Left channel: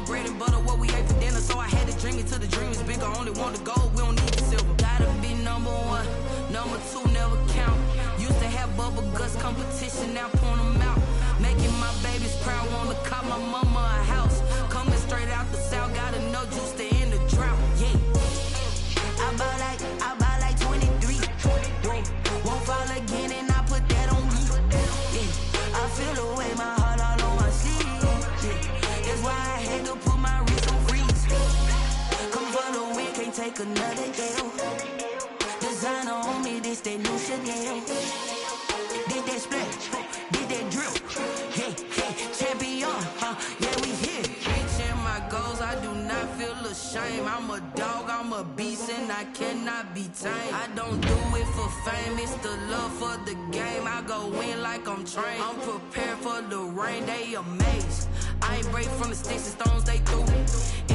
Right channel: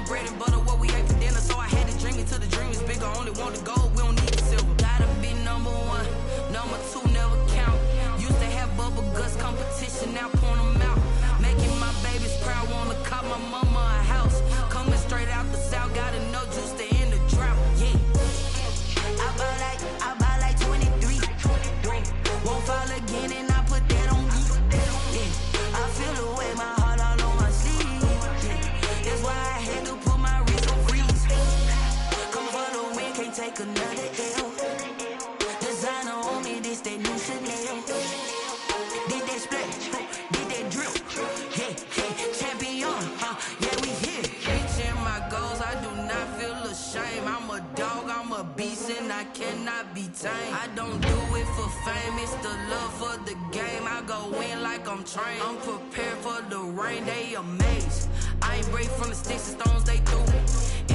only bread and butter what we ate for dinner. So I had to dream it till the dream is bigger. Only want the gold, we don't need the silver. Gotta be number one, number two never count. Used to have bubble guts competition, now point them out. Making my babies proud, wanna cop my mama a house. Coming straight out the south, got enough juice to end the drought. Yeah. I buy like 23. Whoa. Won't fall again and I put that on me. Yeah. I feel the way, my heart all on my sleeve. Yeah. That's why I had to put my wrist on freeze. Coming for the win, can't take another L. Designer on me, this that new Chanel. Did that splash, did that drill. Yeah, yeah, champion, yeah, we here. Reaching my goals, I do not feel ashamed. I'm a dog, I'm a beast, and I cannot be tamed. I don't do it for fame, it's the love for the game. I go in like I'm trained. I'm prepared for the rain, they amazed. I ain't break from the sticks and stones they threw.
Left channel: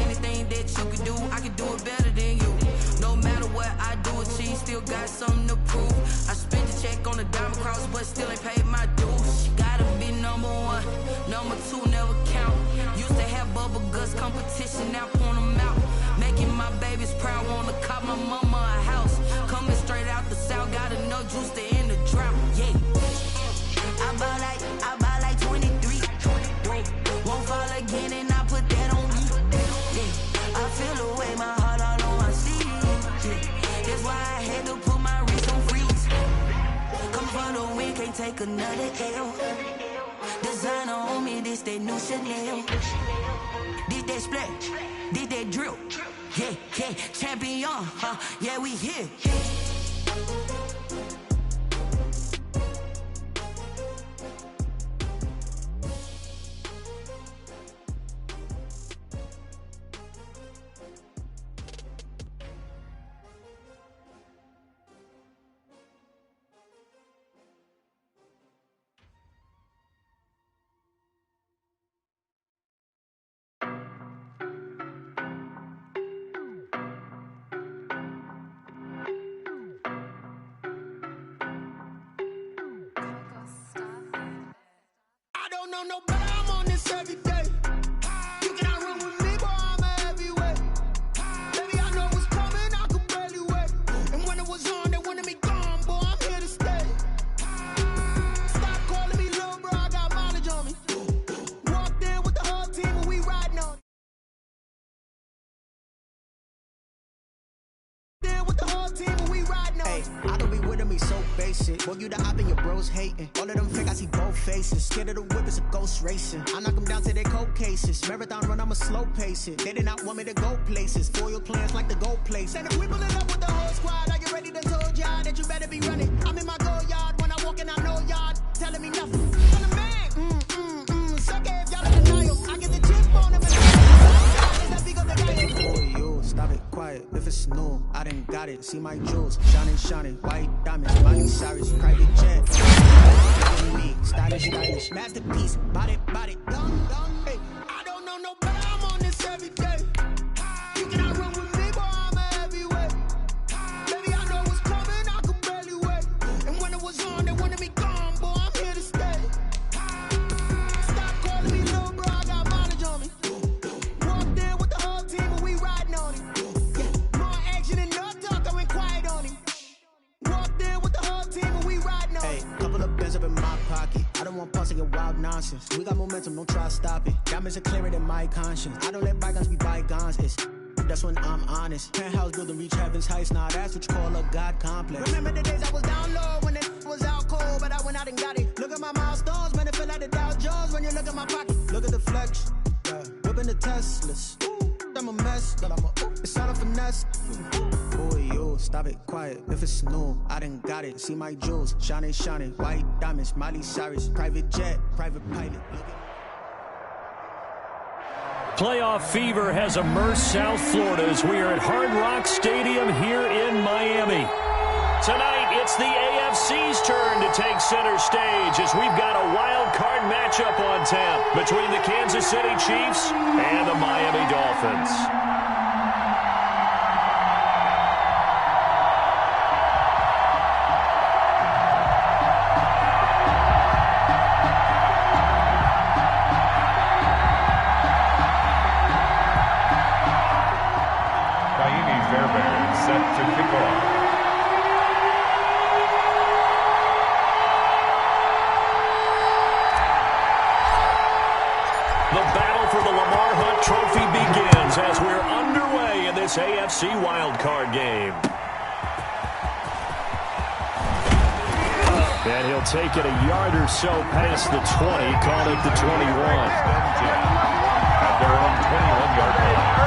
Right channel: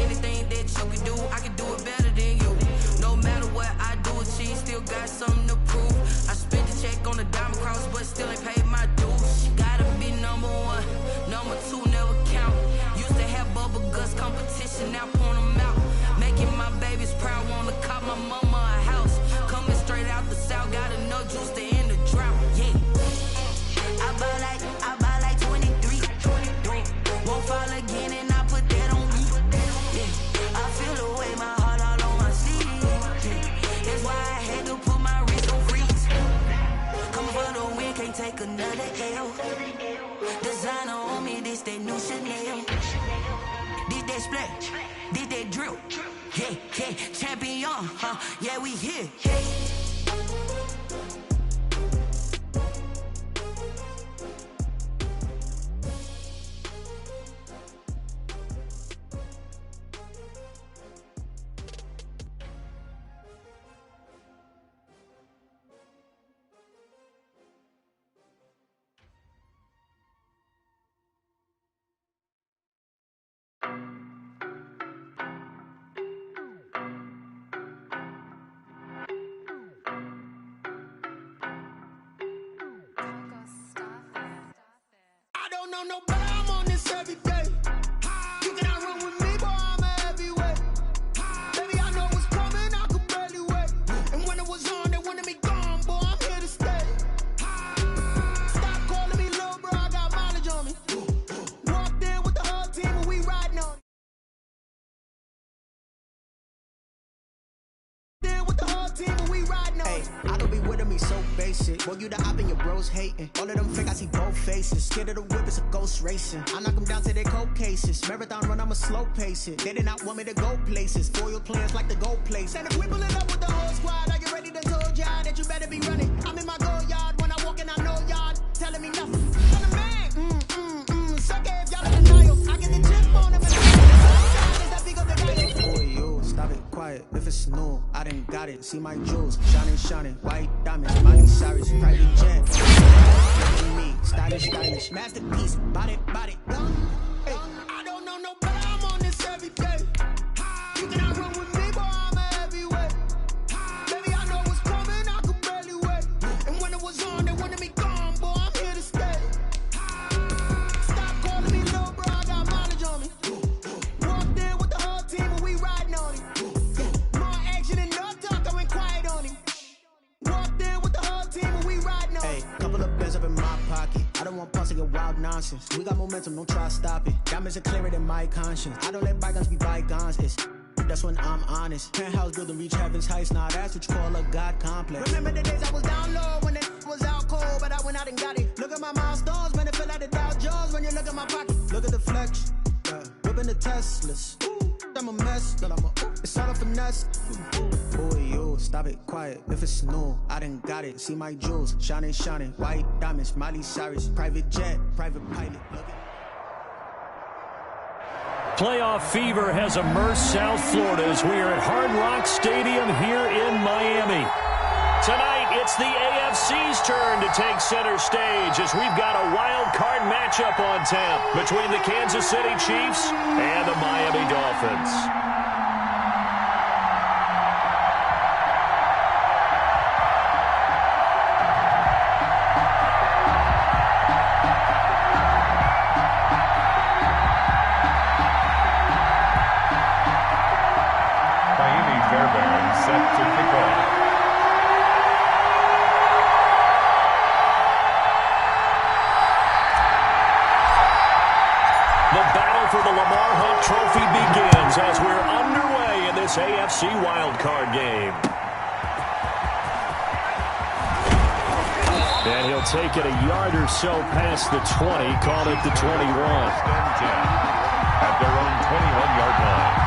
Anything that you can do, I can do it better than you. No matter what I do, achieve, still got something to prove. I spent the check on the diamond cross, but still ain't paid my dues. Gotta be number one, number two never count. Used to have bubble guts competition, now point them out. Making my babies proud, wanna cop my mama a house. Coming straight out the south, got enough juice to end the drought. Yeah. I buy like 23. Whoa. Won't fall again and I put that on me. Yeah. I feel the way, my heart all on my sleeve. Yeah. That's why I had to put my wrist on freeze. Coming for the win, can't take another L. Designer on me, this that new Chanel. Did that splash, did that drill. Yeah, yeah, champion, yeah, we here. No, but I'm on this every day. You cannot run with me, boy, I'm a heavyweight. Baby, I know what's coming, I could barely wait. And when it was on, they wanted me gone, boy, I'm here to stay. Stop calling me little bro, I got mileage on me. Walked in with the whole team and we riding on it. With the whole team and we riding on it. I don't be with me so basic. Boy, you the op and your bros hating. All of them fake, I see both faces. Scared of the whip, it's a ghost racing. I knock them down to their cold cases. Marathon run, I'ma slow pace it. They did not want me to go places. Foil plans like the gold place. And if we pulling up with the whole squad, I get ready to told y'all that you better be running. I'm in my go yard when I walk in, I know y'all telling me nothing. I'm the man, suck it if y'all in denial. I get the chip on them and that big of the guy. Boy, you, stop it, quiet. If it's new, I done got it. See my jewels, shining, white diamonds, Miley Cyrus, private jet. Look at me, stylish, masterpiece, body, young. Hey, I don't know no better, I'm on this every day. You cannot run with me, boy, I'm a heavyweight. Baby, I know what's coming, I could barely wait. And when it was on, they wanted me gone, boy, I'm here to stay. Stop calling me little bro, I got mileage on me. Walked in with the whole team and we riding on it. Yeah, more action and no talk, I went quiet on him. Walked in with the whole team and we riding on it. Hey, couple of bands up in my pocket. I don't want pause to get wild nonsense. We got momentum, don't try to stop it. Diamonds are clearer than my conscience. I don't let bygones be bygones. It's that's when I'm honest. Penthouse building reach heaven's heights. Nah, that's what you call a God complex. Remember the days I was down low when it was out cold, but I went out and got it. Look at my milestones, man, it feel like the Dow Jones when you look at my pocket. Look at the flex, yeah. Whipping the Teslas. Ooh, I'm a mess, but it's all a finesse. Boy, you, stop it, quiet. If it's new, I done got it. See my jewels, shining, white diamonds, Miley Cyrus, private jet, private pilot. Look at Playoff fever has immersed South Florida as we are at Hard Rock Stadium here in Miami. Tonight, it's the AFC's turn to take center stage as we've got a wild card matchup on tap between the Kansas City Chiefs and the Miami Dolphins. Fairbairn set to kick off. The battle for the Lamar Hunt Trophy begins as we're underway in this AFC wildcard game. And he'll take it a yard or so past the 20, call it the 21. At their own 21-yard line.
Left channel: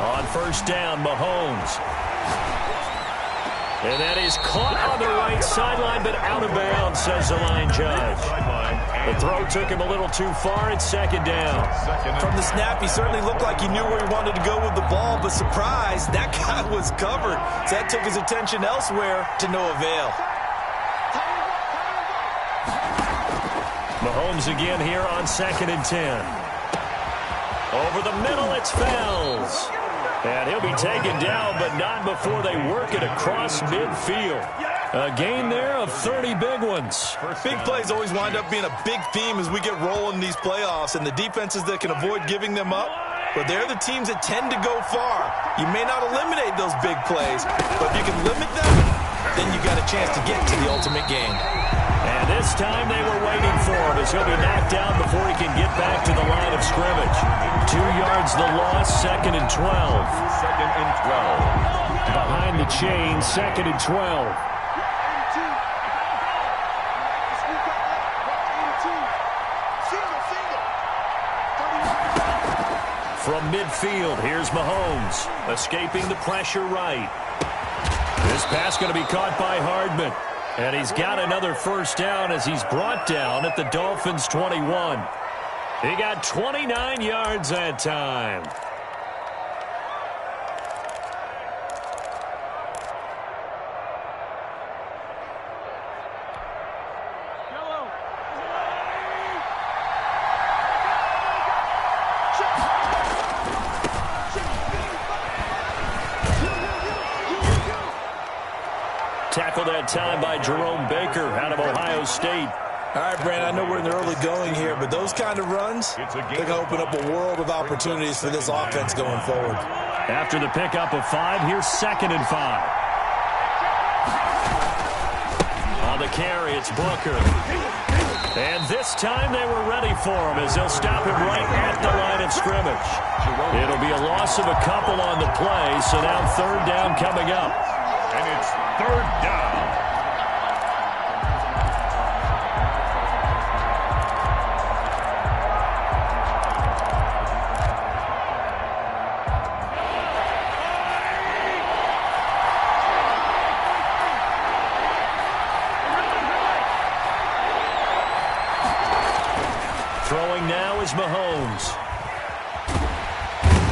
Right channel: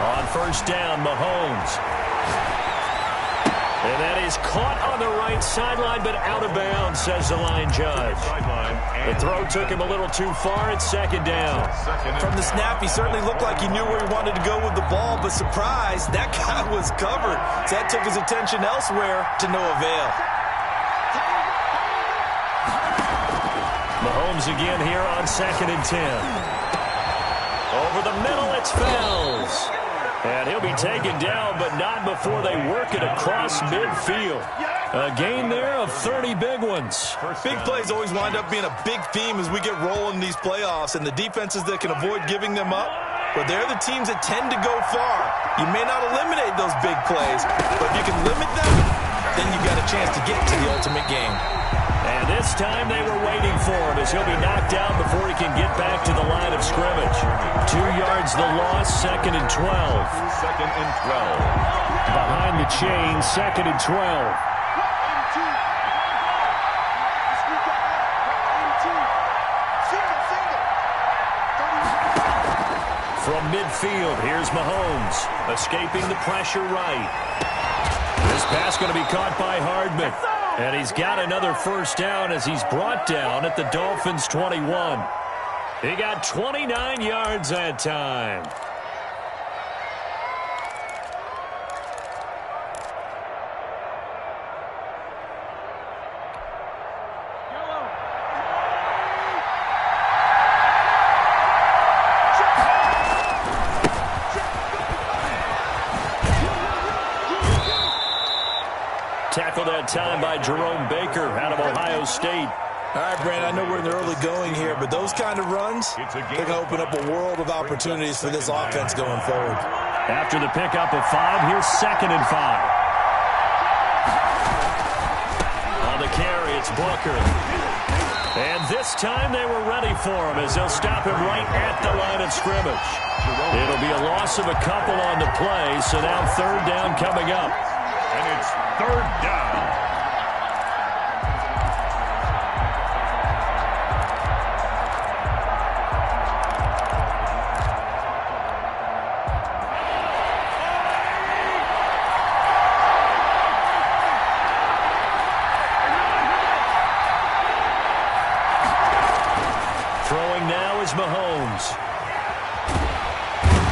On first down, Mahomes. And that is caught on the right sideline, but out of bounds, says the line judge. The throw took him a little too far. It's second down. From the snap, he certainly looked like he knew where he wanted to go with the ball, but surprise, that guy was covered. So that took his attention elsewhere to no avail. Mahomes again here on 2nd and 10. Over the middle, it's Fells. And he'll be taken down, but not before they work it across midfield. A gain there of 30 big ones. Big plays always wind up being a big theme as we get rolling in these playoffs, and the defenses that can avoid giving them up, but they're the teams that tend to go far. You may not eliminate those big plays, but if you can limit them, then you got a chance to get to the ultimate game. And this time they were waiting for him as he'll be knocked down before he can get back to the line of scrimmage. 2 yards the loss, 2nd and 12. 2nd and 12. Behind the chain, 2nd and 12. From midfield, here's Mahomes, escaping the pressure right. This pass going to be caught by Hardman. And he's got another first down as he's brought down at the Dolphins' 21. He got 29 yards that time. Tackled that time by Jerome Baker out of Ohio State. All right, Brandon, I know we're in the early going here, but those kind of runs, they're going to open up a world of opportunities for this offense going forward. After the pickup of 5, here's 2nd and 5. On the carry, it's Booker. And this time they were ready for him as they'll stop him right at the line of scrimmage. It'll be a loss of a couple on the play, so now 3rd down coming up. And it's 3rd down. Throwing now is Mahomes.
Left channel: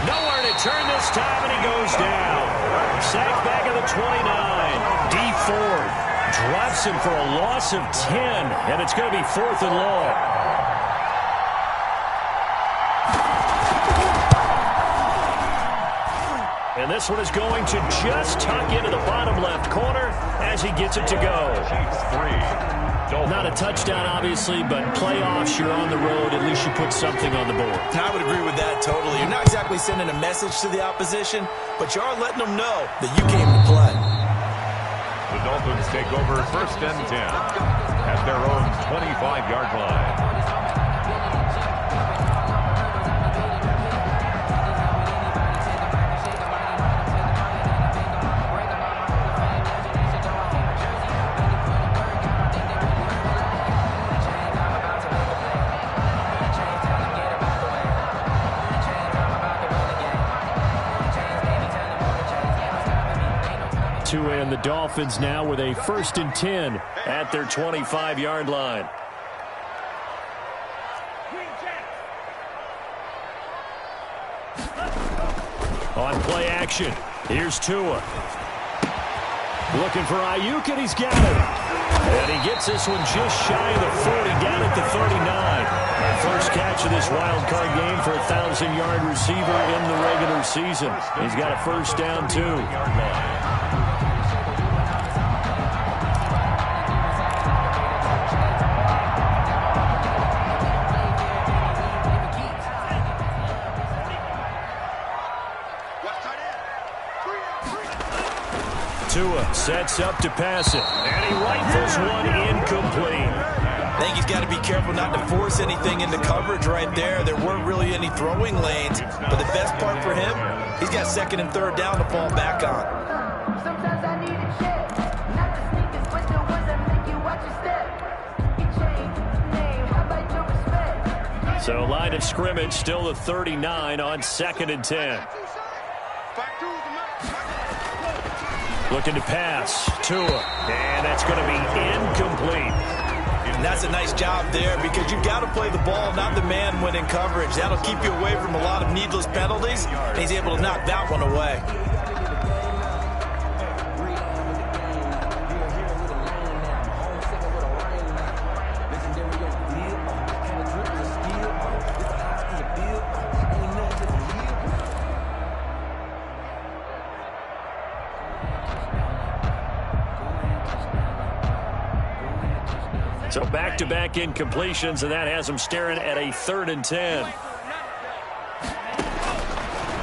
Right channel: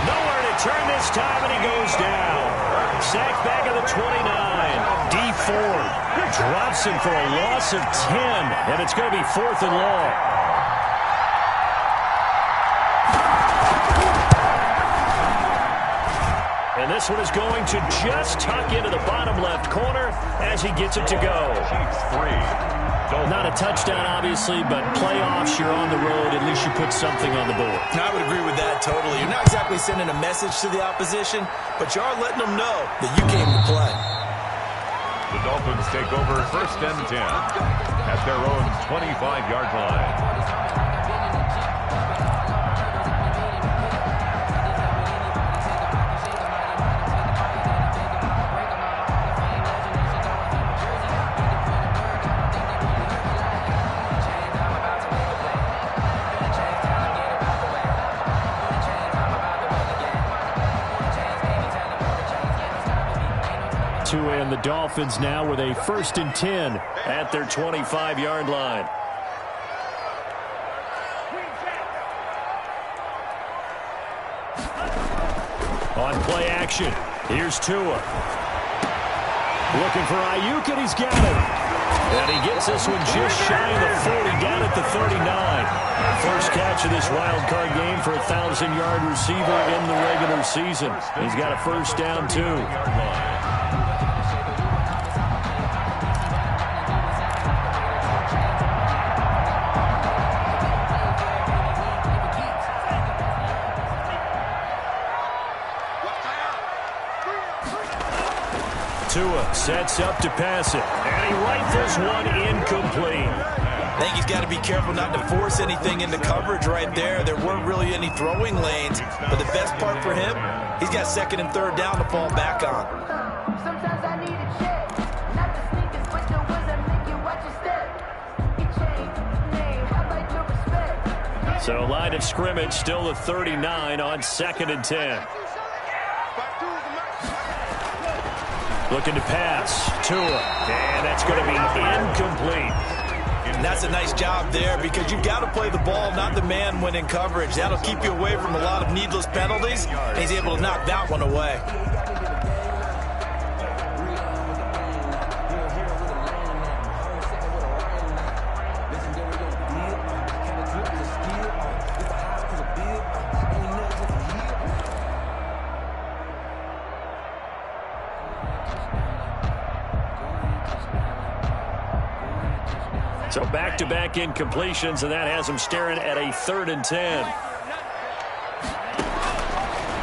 Nowhere to turn this time, and he goes down. Sacked back at the 29. D Ford drops him for a loss of 10, and it's going to be 4th and long. And this one is going to just tuck into the bottom left corner as he gets it to go. Not a touchdown, obviously, but playoffs, you're on the road. At least you put something on the board. I would agree with that totally. You're not exactly sending a message to the opposition, but you are letting them know that you came to play. The Dolphins take over 1st and 10 at their own 25-yard line. Tua and the Dolphins now with a 1st and 10 at their 25-yard line. On play action, here's Tua. Looking for Ayuk, and he's got it. And he gets this one just shy of the 40, down at the 39. First catch of this wild card game for a 1,000-yard receiver in the regular season. He's got a first down, too. Tua sets up to pass it, and he rifles one incomplete. I think he's got to be careful not to force anything into coverage right there. There weren't really any throwing lanes, but the best part for him, he's got 2nd and 3rd down to fall back on. Sometimes I need a check, not the sneakers, but the ones that make you watch your step. You change name, how about your respect? So line of scrimmage still the 39 on 2nd and 10. Looking to pass, Tua, and that's going to be incomplete. And that's a nice job there because you've got to play the ball, not the man when in coverage. That'll keep you away from a lot of needless penalties, and he's able to knock that one away. So back-to-back incompletions, and that has him staring at a 3rd and 10.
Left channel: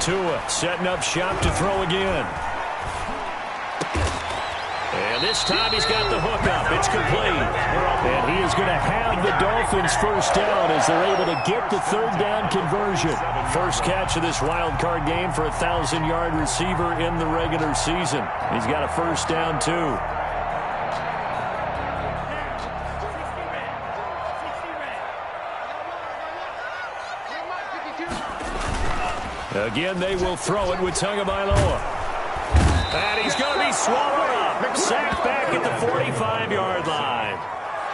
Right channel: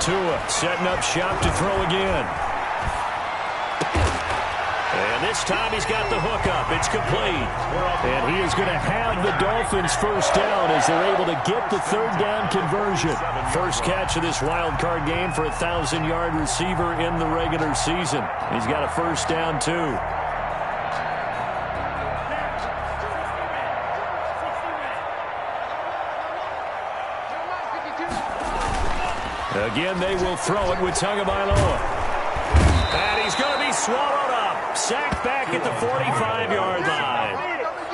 Tua setting up shop to throw again. And this time he's got the hook up. It's complete. And he is going to have the Dolphins first down as they're able to get the 3rd down conversion. First catch of this wild card game for a 1,000-yard receiver in the regular season. He's got a first down, too. Again, they will throw it with Tagovailoa. And he's going to be swallowed up. Sacked back at the 45-yard line.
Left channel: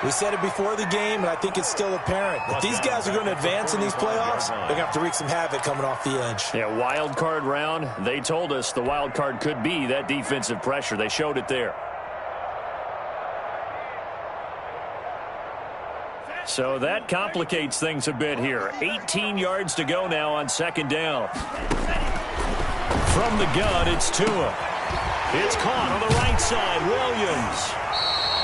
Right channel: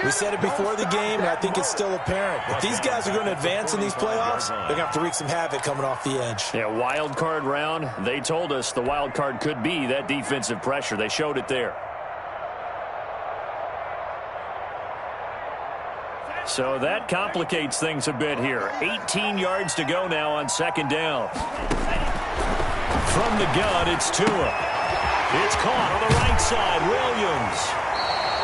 We said it before the game, and I think it's still apparent. If these guys are going to advance in these playoffs, they're going to have to wreak some havoc coming off the edge. Yeah, wild card round. They told us the wild card could be that defensive pressure. They showed it there. So that complicates things a bit here. 18 yards to go now on 2nd down. From the gun, it's Tua. It's caught on the right side, Williams.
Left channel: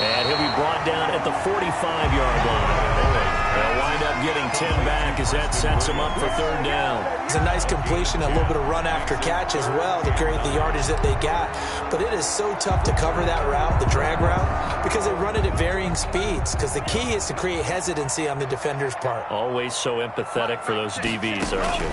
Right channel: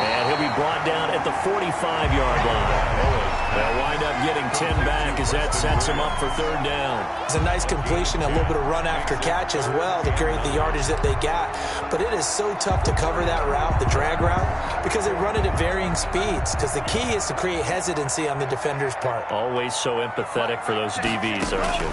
And he'll be brought down at the 45-yard line. They'll wind up getting 10 back as that sets him up for 3rd down. It's a nice completion, a little bit of run after catch as well to create the yardage that they got. But it is so tough to cover that route, the drag route, because they run it at varying speeds. Because the key is to create hesitancy on the defender's part. Always so empathetic for those DBs, aren't you?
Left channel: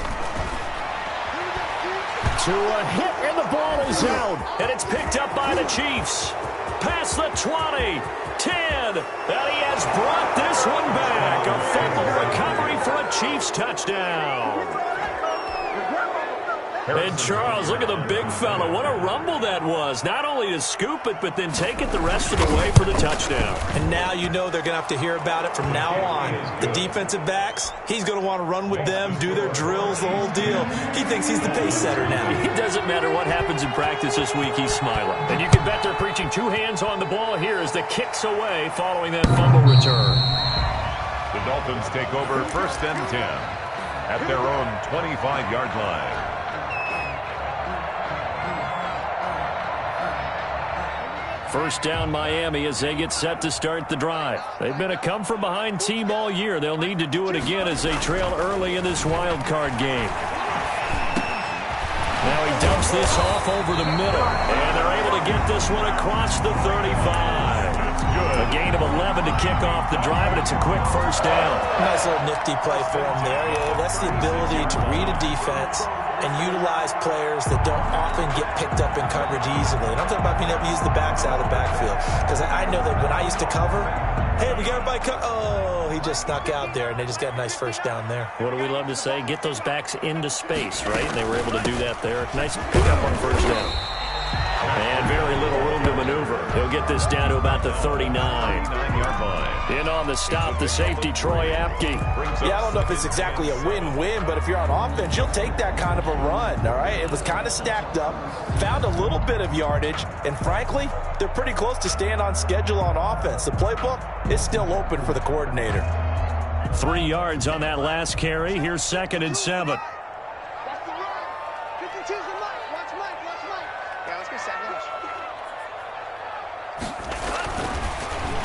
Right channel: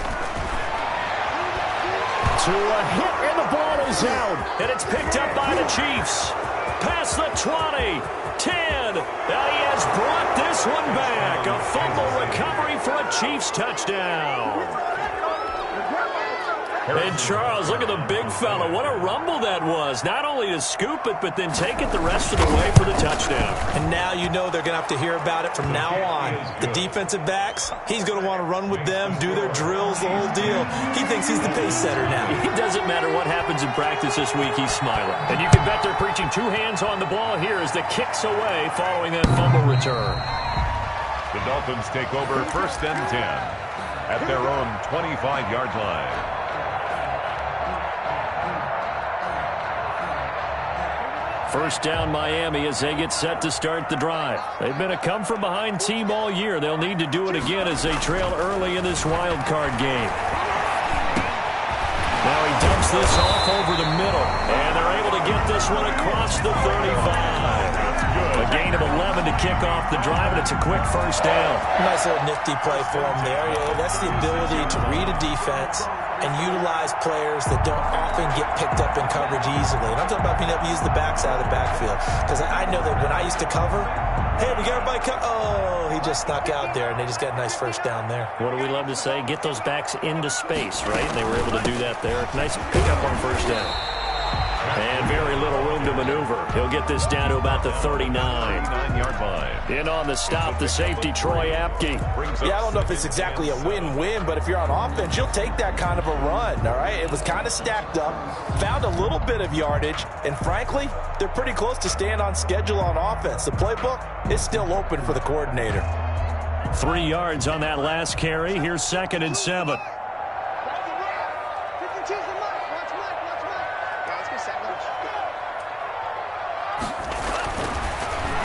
To a hit, and the ball is out. And it's picked up by the Chiefs. Past the 20, 10, and he has brought this one back. A fumble recovery for a Chiefs touchdown. And Charles, look at the big fella. What a rumble that was. Not only to scoop it, but then take it the rest of the way for the touchdown. And now you know they're going to have to hear about it from now on. The defensive backs, he's going to want to run with them, do their drills, the whole deal. He thinks he's the pace setter now. It doesn't matter what happens in practice this week, he's smiling. And you can bet they're preaching 2 hands on the ball here as the kick's away following that fumble return. The Dolphins take over 1st and 10 at their own 25-yard line. First down Miami as they get set to start the drive. They've been a come-from-behind team all year. They'll need to do it again as they trail early in this wild card game. Now he dumps this off over the middle, and they're able to get this one across the 35. A gain of 11 to kick off the drive, and it's a quick first down. Nice little nifty play for him there. Yeah, that's the ability to read a defense and utilize players that don't often get picked up in coverage easily. And I'm talking about being able to use the backs out of the backfield. Because I know that when I used to cover, hey, we got everybody oh, he just snuck out there, and they just got a nice first down there. What do we love to say? Get those backs into space, right? And they were able to do that there. Nice pickup on first down. And very little room to maneuver. He'll get this down to about the 39-yard line. In on the stop, the safety, Troy Apke. Yeah, I don't know if it's exactly a win-win, but if you're on offense, you'll take that kind of a run, all right? It was kind of stacked up, found a little bit of yardage, and frankly, they're pretty close to staying on schedule on offense. The playbook is still open for the coordinator. 3 yards on that last carry. Here's 2nd and 7. Watch the run. 52's the Mike. Watch Mike. Watch Mike. Yeah, let's get sack lunch.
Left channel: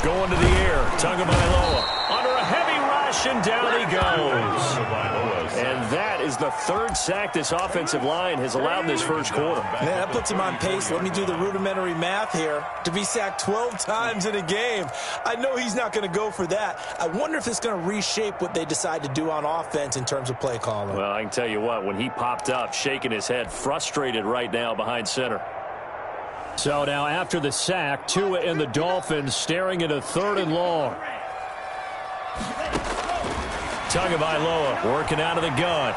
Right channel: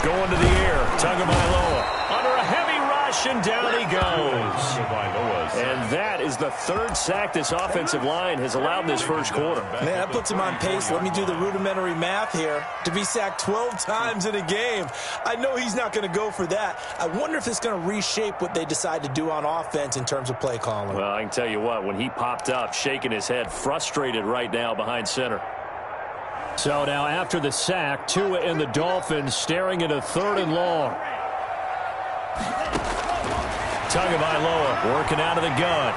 Going to the air. Tagovailoa under a heavy rush, and down he goes. And that is the 3rd sack this offensive line has allowed in this first quarter. Man, that puts him on pace. Let me do the rudimentary math here. To be sacked 12 times in a game, I know he's not going to go for that. I wonder if it's going to reshape what they decide to do on offense in terms of play calling. Well, I can tell you what, when he popped up, shaking his head, frustrated right now behind center. So now after the sack, Tua and the Dolphins staring at a 3rd and long. Tagovailoa working out of the gun.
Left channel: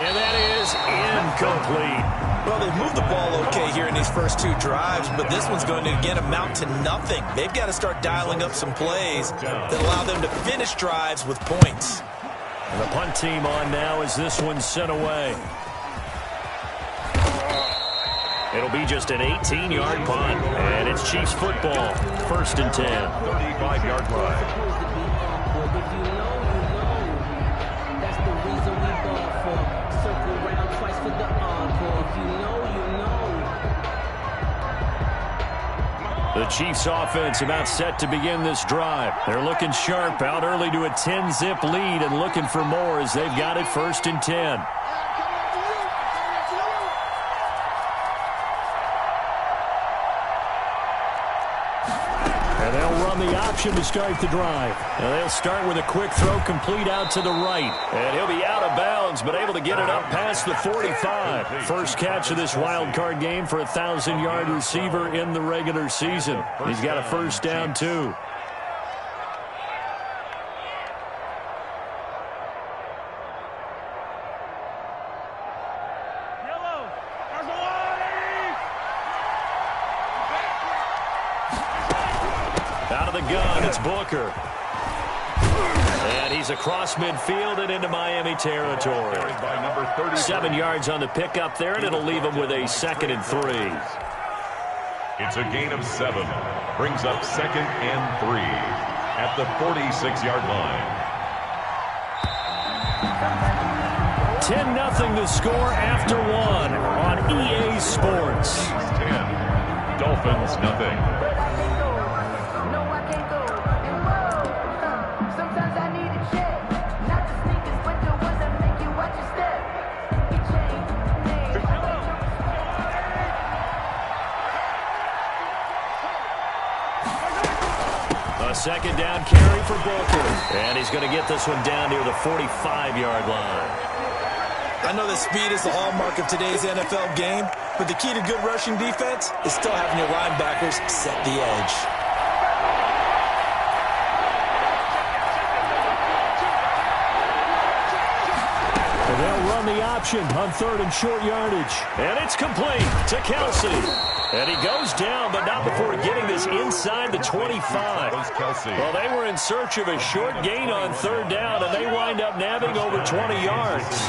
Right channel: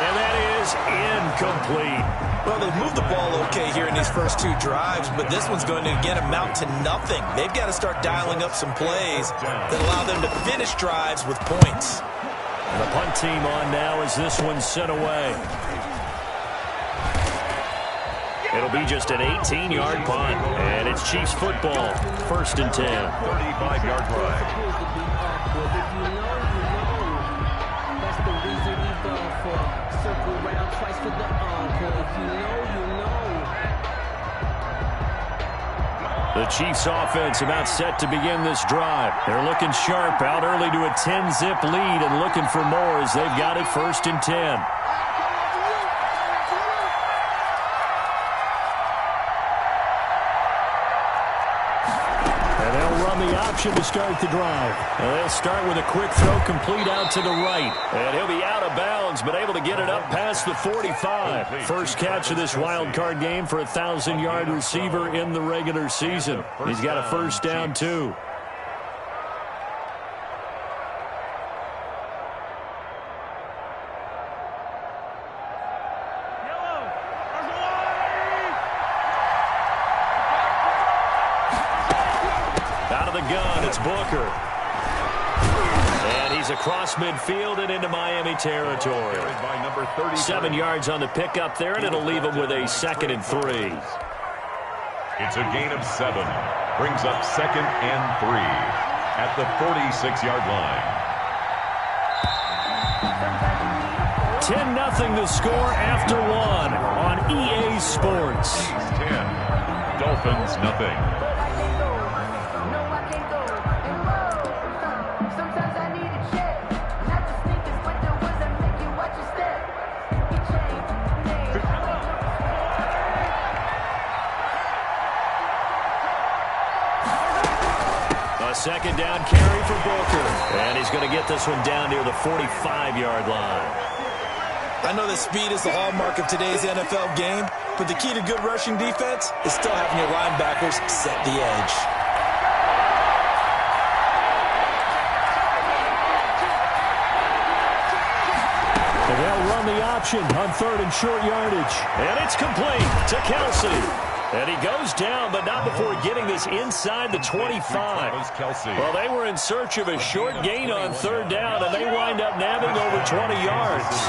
And that is incomplete. Well, they've moved the ball okay here in these first 2 drives, but this one's going to, again, amount to nothing. They've got to start dialing up some plays that allow them to finish drives with points. And the punt team on now as this one's sent away. It'll be just an 18-yard punt, and it's Chiefs football, 1st and 10. 35-yard line. If you know, that's the reason we ball for. Circle round twice for the encore. If you know, you know. The Chiefs offense about set to begin this drive. They're looking sharp, out early to a 10-zip lead and looking for more as they've got it 1st and 10. And they'll run the option to start the drive. And they'll start with a quick throw complete out to the right. And he'll be out of bounds, but able to get it up past the 45. First catch of this wild card game for a 1,000-yard receiver in the regular season. He's got a first down, too. Out of the gun, it's Booker. And he's across midfield and into Miami territory. 7 yards on the pickup there, and it'll leave him with a 2nd and 3. It's a gain of 7. Brings up 2nd and 3 at the 46-yard line. 10-0 the score after 1 on EA Sports. 10, Dolphins nothing. A 2nd down carry for Booker. And he's going to get this one down near the 45-yard line. I know that speed is the hallmark of today's NFL game, but the key to good rushing defense is still having your linebackers set the edge. And they'll run the option on 3rd and short yardage. And it's complete to Kelsey. And he goes down, but not before getting this inside the 25. Well, they were in search of a short gain on 3rd down, and they wind up nabbing over 20 yards.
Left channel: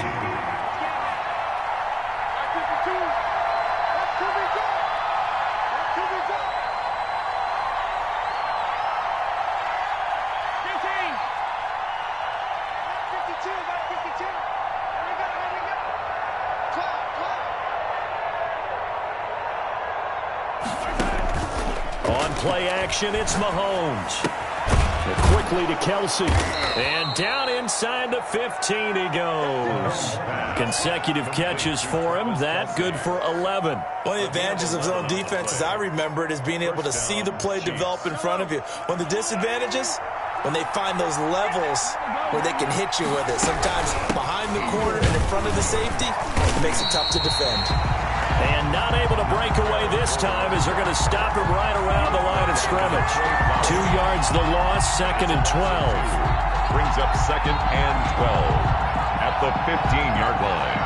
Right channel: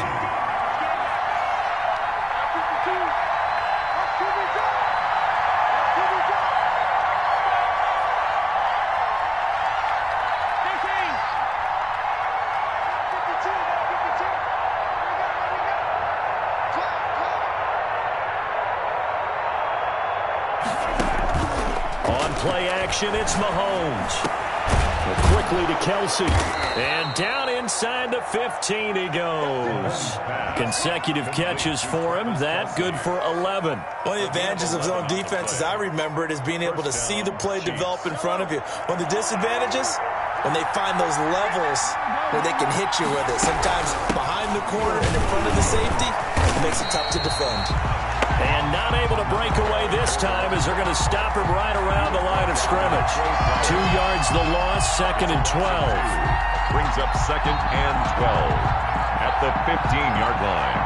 On play action, it's Mahomes. And quickly to Kelsey. And down inside the 15 he goes. Consecutive catches for him. That good for 11. One of the advantages of zone defense, as I remember it, is being able to see the play develop in front of you. One of the disadvantages, when they find those levels where they can hit you with it. Sometimes behind the corner and in front of the safety, it makes it tough to defend. And not able to break away this time as they're going to stop him right around the line of scrimmage. 2 yards the loss, 2nd and 12. Brings up 2nd and 12 at the 15-yard line.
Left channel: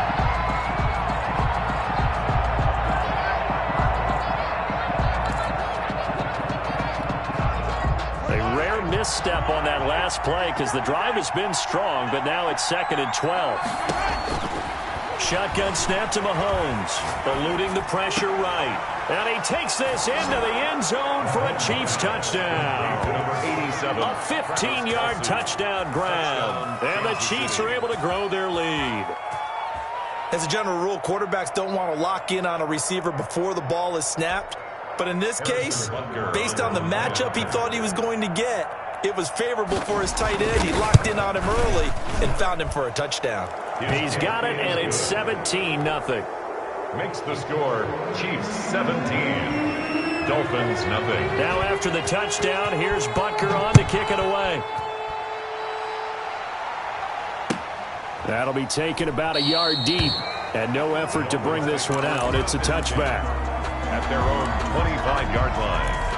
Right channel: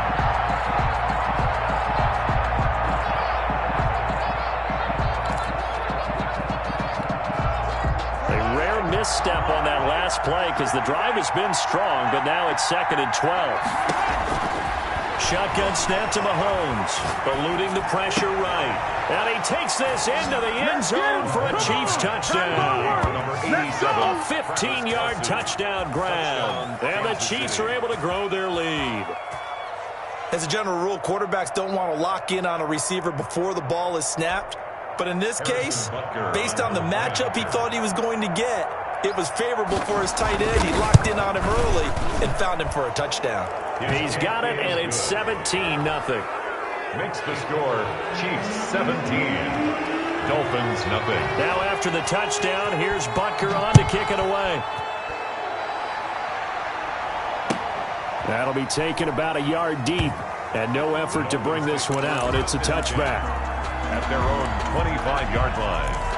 rare misstep on that last play because the drive has been strong, but now it's 2nd and 12. Shotgun snap to Mahomes, eluding the pressure right. And he takes this into the end zone for a Chiefs touchdown. Number 87. A 15-yard touchdown grab. And the Chiefs are able to grow their lead. As a general rule, quarterbacks don't want to lock in on a receiver before the ball is snapped. But in this case, based on the matchup he thought he was going to get, it was favorable for his tight end. He locked in on him early and found him for a touchdown. He's got it, and it's 17-0. Makes the score Chiefs 17, Dolphins nothing. Now after the touchdown, here's Butker on to kick it away. That'll be taken about a yard deep, and no effort to bring this one out. It's a touchback. At their own 25-yard line.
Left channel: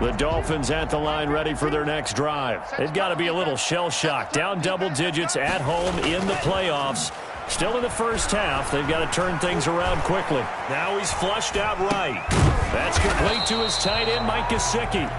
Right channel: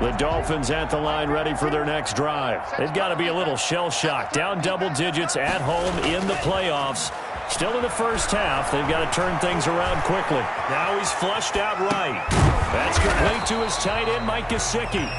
The Dolphins at the line ready for their next drive. They've got to be a little shell-shocked. Down double digits at home in the playoffs. Still in the first half. They've got to turn things around quickly. Now he's flushed out right. That's complete to his tight end, Mike Gesicki.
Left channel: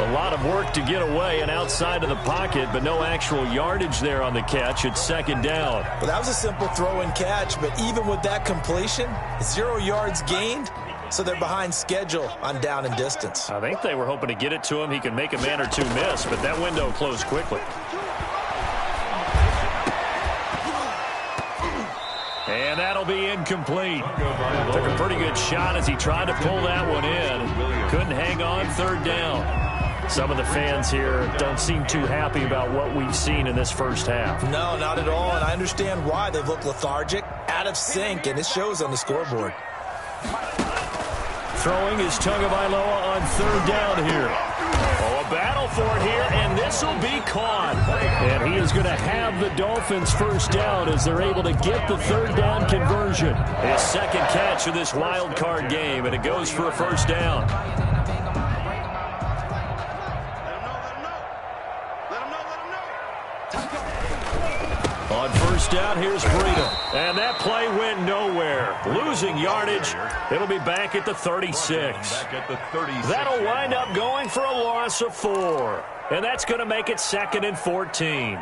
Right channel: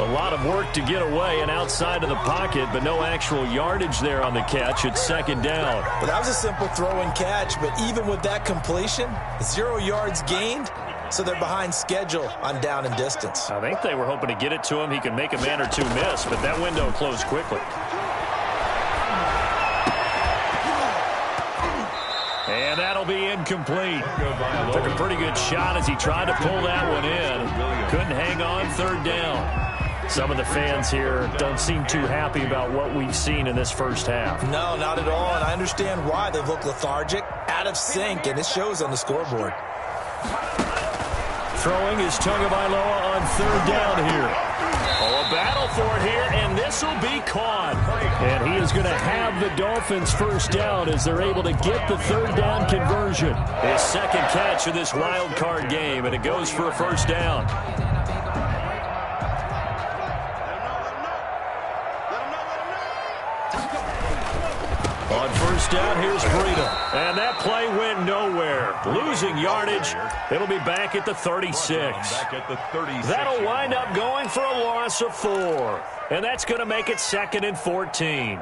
A lot of work to get away and outside of the pocket, but no actual yardage there on the catch. It's 2nd down. Well, that was a simple throw and catch, but even with that completion, 0 yards gained. So they're behind schedule on down and distance. I think they were hoping to get it to him. He could make a man or two miss, but that window closed quickly. And that'll be incomplete. Took a pretty good shot as he tried to pull that one in. Couldn't hang on, 3rd down. Some of the fans here don't seem too happy about what we've seen in this first half. No, not at all, and I understand why. They've looked lethargic, out of sync, and it shows on the scoreboard. Throwing is Tagovailoa on 3rd down here. Oh, a battle for it here, and this will be caught. And he is going to have the Dolphins first down as they're able to get the 3rd down conversion. His 2nd catch of this wild card game, and it goes for a first down. On first down, here's Breida. And that play went nowhere. Losing yardage. It'll be back at the 36. That'll wind up going for a loss of 4. And that's going to make it 2nd and 14.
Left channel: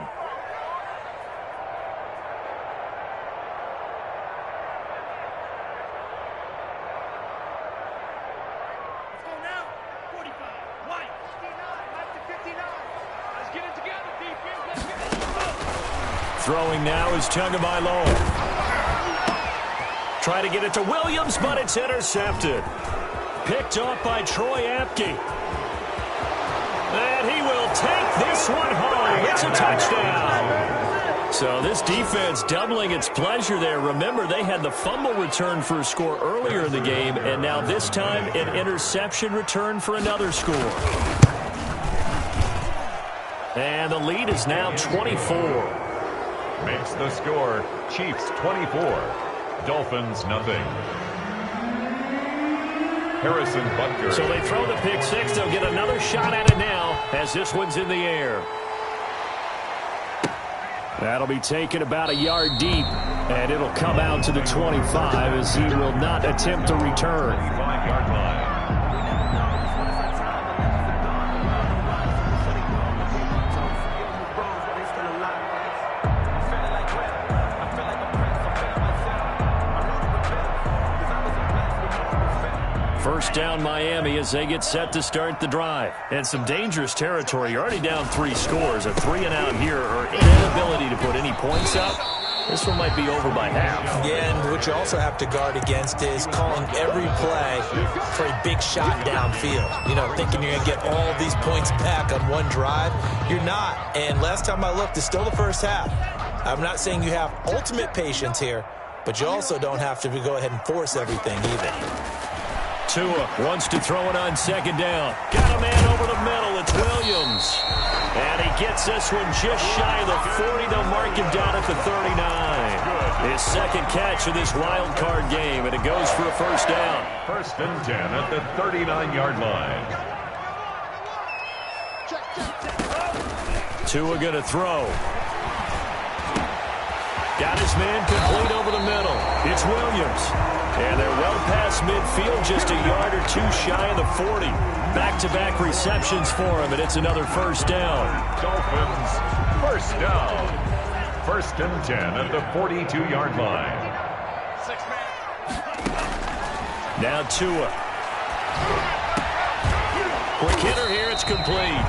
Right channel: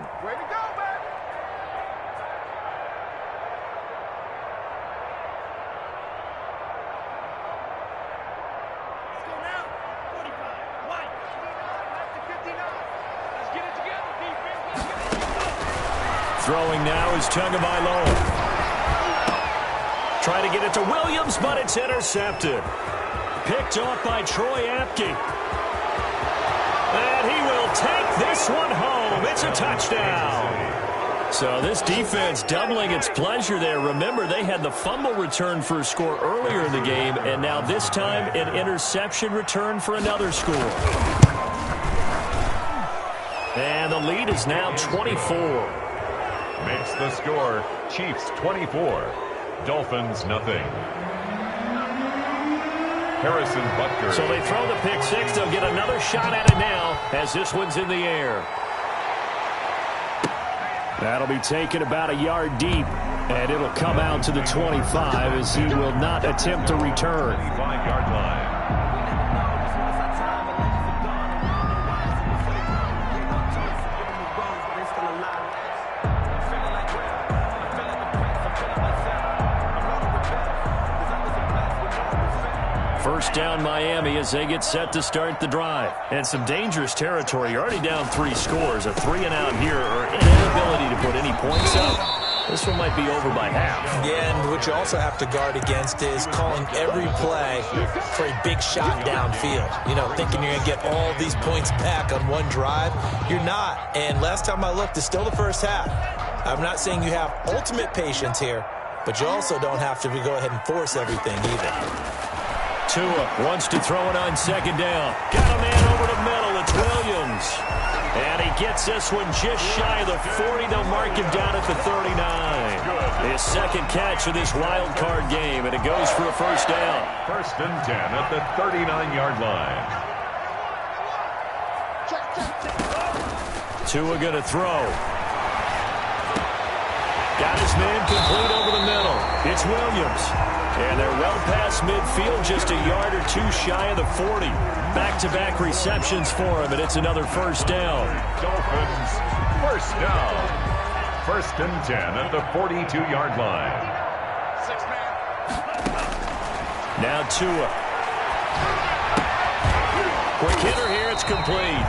Throwing now is Tagovailoa. Try to get it to Williams, but it's intercepted. Picked off by Troy Apke. And he will take this one home. It's a touchdown. So this defense doubling its pleasure there. Remember, they had the fumble return for a score earlier in the game, and now this time an interception return for another score. And the lead is now 24. Makes the score Chiefs 24, Dolphins nothing. Harrison Butker. So they throw the pick six. They'll get another shot at it now as this one's in the air. That'll be taken about a yard deep, and it'll come out to the 25 as he will not attempt to return. 25-yard line. First down Miami as they get set to start the drive. And some dangerous territory. You're already down 3 scores. A 3-and-out here or inability to put any points up. This one might be over by half. Yeah, and what you also have to guard against is calling every play for a big shot downfield. You know, thinking you're going to get all these points back on one drive. You're not. And last time I looked, it's still the first half. I'm not saying you have ultimate patience here, but you also don't have to go ahead and force everything either. Tua wants to throw it on second down. Got a man over the middle. It's Williams. And he gets this one just shy of the 40. They'll mark him down at the 39. His second catch of this wild card game, and it goes for a first down. 1st and 10 at the 39-yard line. Tua going to throw. Got his man complete over the middle. It's Williams. And they're well past midfield, just a yard or two shy of the 40. Back-to-back receptions for him, and it's another first down. Dolphins, first down. 1st and 10 at the 42-yard line. Now Tua. Quick hitter here, it's complete.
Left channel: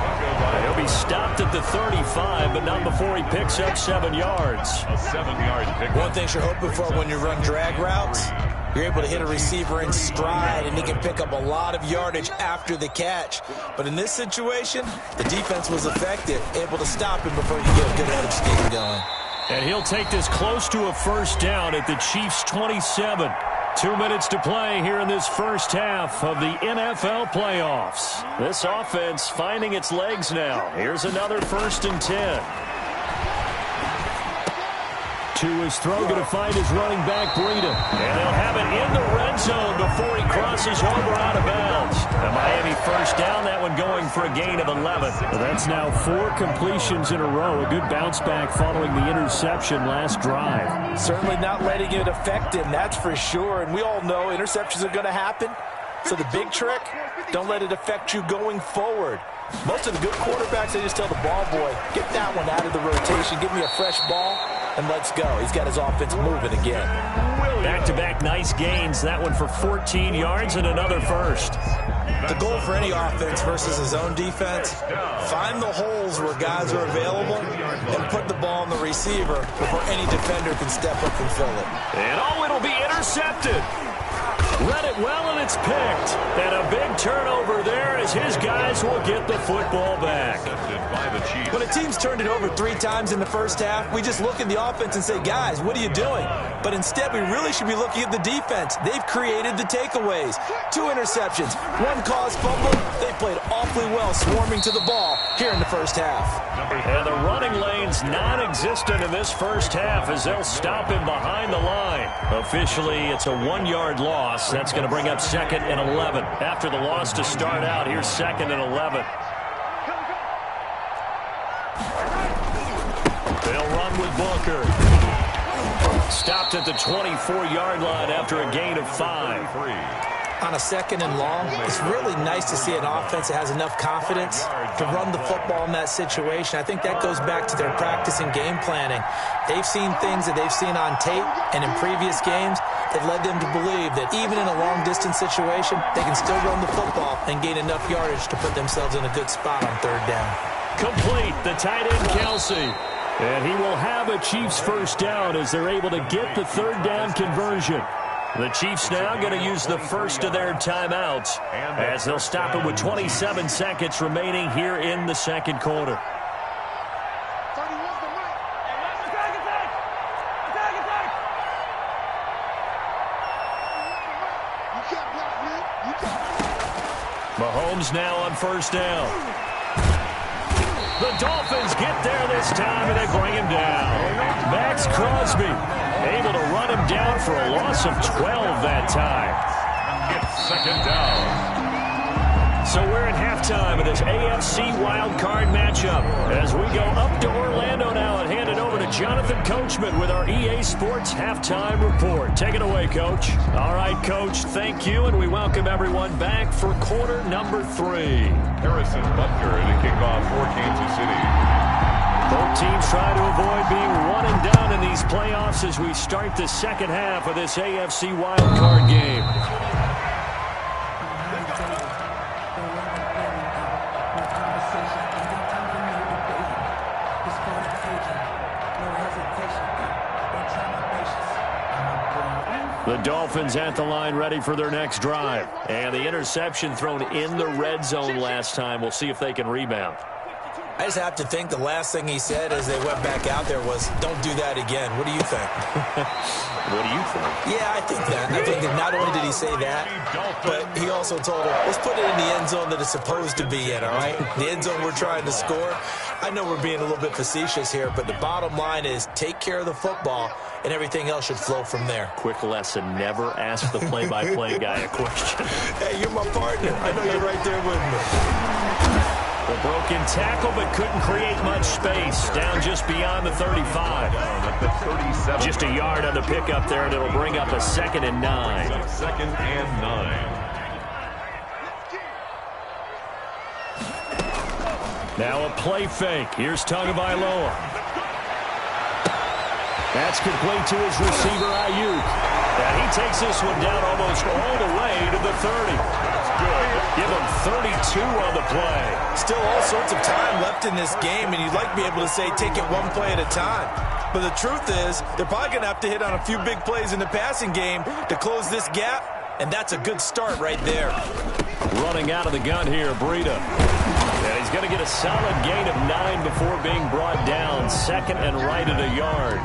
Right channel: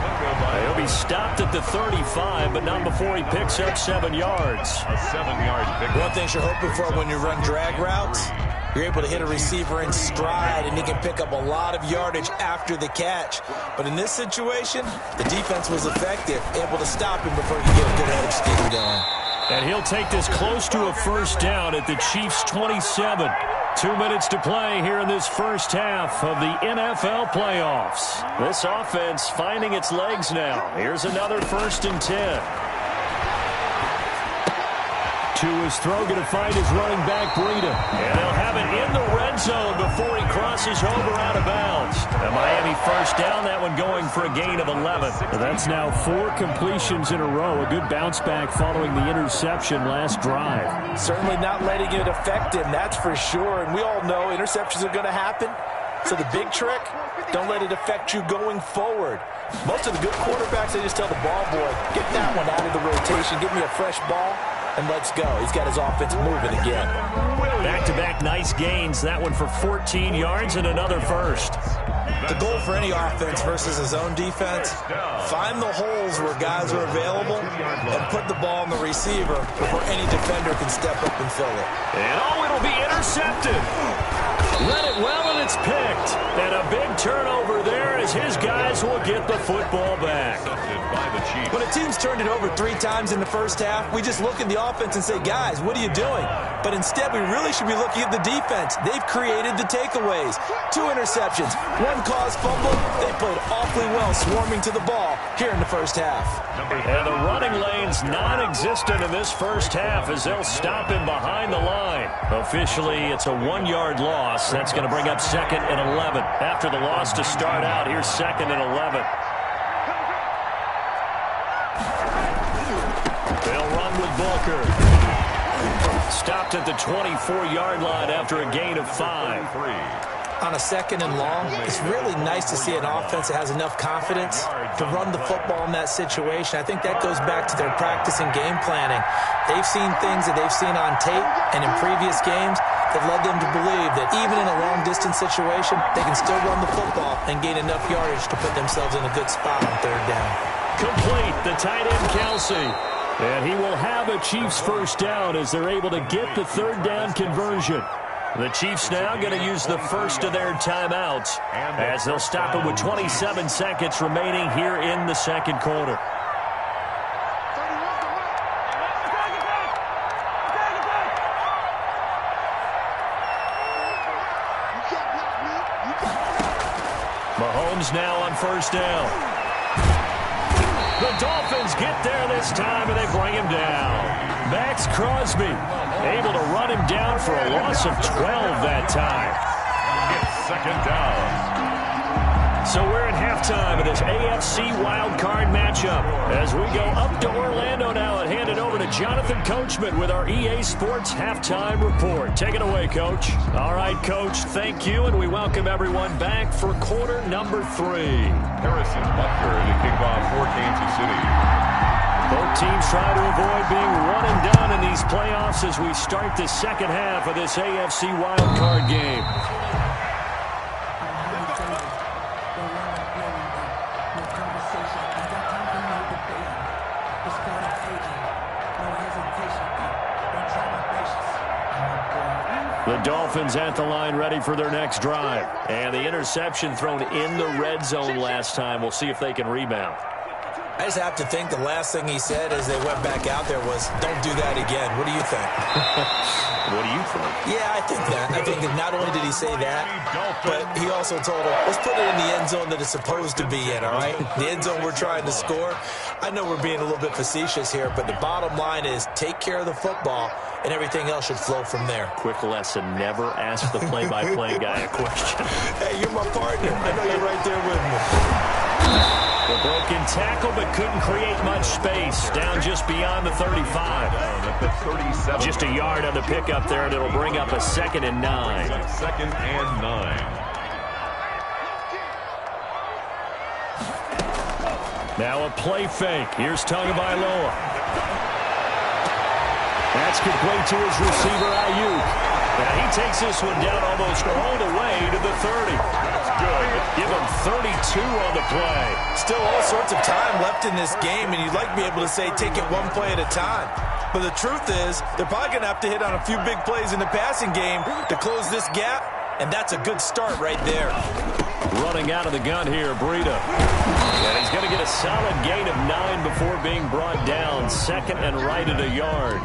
He'll be stopped at the 35, but not before he picks up 7 yards. A 7-yard pick. One thing you're hoping for when you run drag routes, you're able to hit a receiver in stride, and he can pick up a lot of yardage after the catch. But in this situation, the defense was effective, able to stop him before you get a good head of steam going. And he'll take this close to a first down at the Chiefs' 27. 2 minutes to play here in this first half of the NFL playoffs. This offense finding its legs now. Here's another 1st and 10. Tua's throw going to find his running back, Breida. And they'll have it in the red zone before he crosses over out of bounds. A Miami first down, that one going for a gain of 11. That's now 4 completions in a row. A good bounce back following the interception last drive. Certainly not letting it affect him, that's for sure. And we all know interceptions are going to happen. So the big trick, don't let it affect you going forward. Most of the good quarterbacks, they just tell the ball boy, get that one out of the rotation, give me a fresh ball, and let's go. He's got his offense moving again. Back-to-back nice gains. That one for 14 yards and another first. The goal for any offense versus his own defense, find the holes where guys are available and put the ball on the receiver before any defender can step up and fill it. And it'll be intercepted. Read it well, and it's picked. And a big turnover there as his guys will get the football back. When a team's turned it over 3 times in the first half, we just look at the offense and say, guys, what are you doing? But instead, we really should be looking at the defense. They've created the takeaways. 2 interceptions, 1 caused fumble. They played awfully well swarming to the ball here in the first half. And the running lane's non-existent in this first half as they'll stop him behind the line. Officially, it's a 1-yard loss. That's going to bring up 2nd and 11. After the loss to start out, here's 2nd and 11. They'll run with Booker. Stopped at the 24-yard line after a gain of 5. On a 2nd and long, it's really nice to see an offense that has enough confidence to run the football in that situation. I think that goes back to their practice and game planning. They've seen things that they've seen on tape and in previous games that led them to believe that even in a long-distance situation, they can still run the football and gain enough yardage to put themselves in a good spot on 3rd down. Complete, the tight end Kelsey. And he will have a Chiefs first down as they're able to get the 3rd down conversion. The Chiefs now going to use the first of their timeouts as they'll stop it with 27 seconds remaining here in the 2nd quarter. Mahomes now on first down. The Dolphins get there this time, and they bring him down. Max Crosby able to run him down for a loss of 12 that time. It's 2nd down. So we're at halftime of this AFC wildcard matchup as we go up to Orlando now and hand it over to Jonathan Coachman with our EA Sports halftime report. Take it away, Coach. All right, Coach, thank you, and we welcome everyone back for quarter number 3. Harrison Butker to kick off for Kansas City. Both teams try to avoid being one and done in these playoffs as we start the 2nd half of this AFC wildcard game. The Dolphins at the line ready for their next drive. And the interception thrown in the red zone last time. We'll see if they can rebound. I just have to think the last thing he said as they went back out there was, don't do that again. What do you think? What do you think? Yeah, I think that. I think that not only did he say that, but he also told him, let's put it in the end zone that it's supposed to be in, all right? The end zone we're trying to score. I know we're being a little bit facetious here, but the bottom line is take care of the football, and everything else should flow from there. Quick lesson, never ask the play-by-play guy a question. Hey, you're my partner. I know you're right there with me. Well, A broken tackle, but couldn't create much space. Down just beyond the 35. At the 37. Just a yard on the pickup there, and it'll bring up a 2nd and 9. 2nd and 9. Now a play fake. Here's Tagovailoa. That's complete to his receiver, Ayuk. And he takes this one down almost all the way to the 30. That's good. Give him 32 on the play. Still all sorts of time left in this game, and you'd like to be able to say take it one play at a time. But the truth is, they're probably going to have to hit on a few big plays in the passing game to close this gap, and that's a good start right there. Running out of the gun here, Breida. And he's going to get a solid gain of 9 before being brought down. 2nd and right at a yard.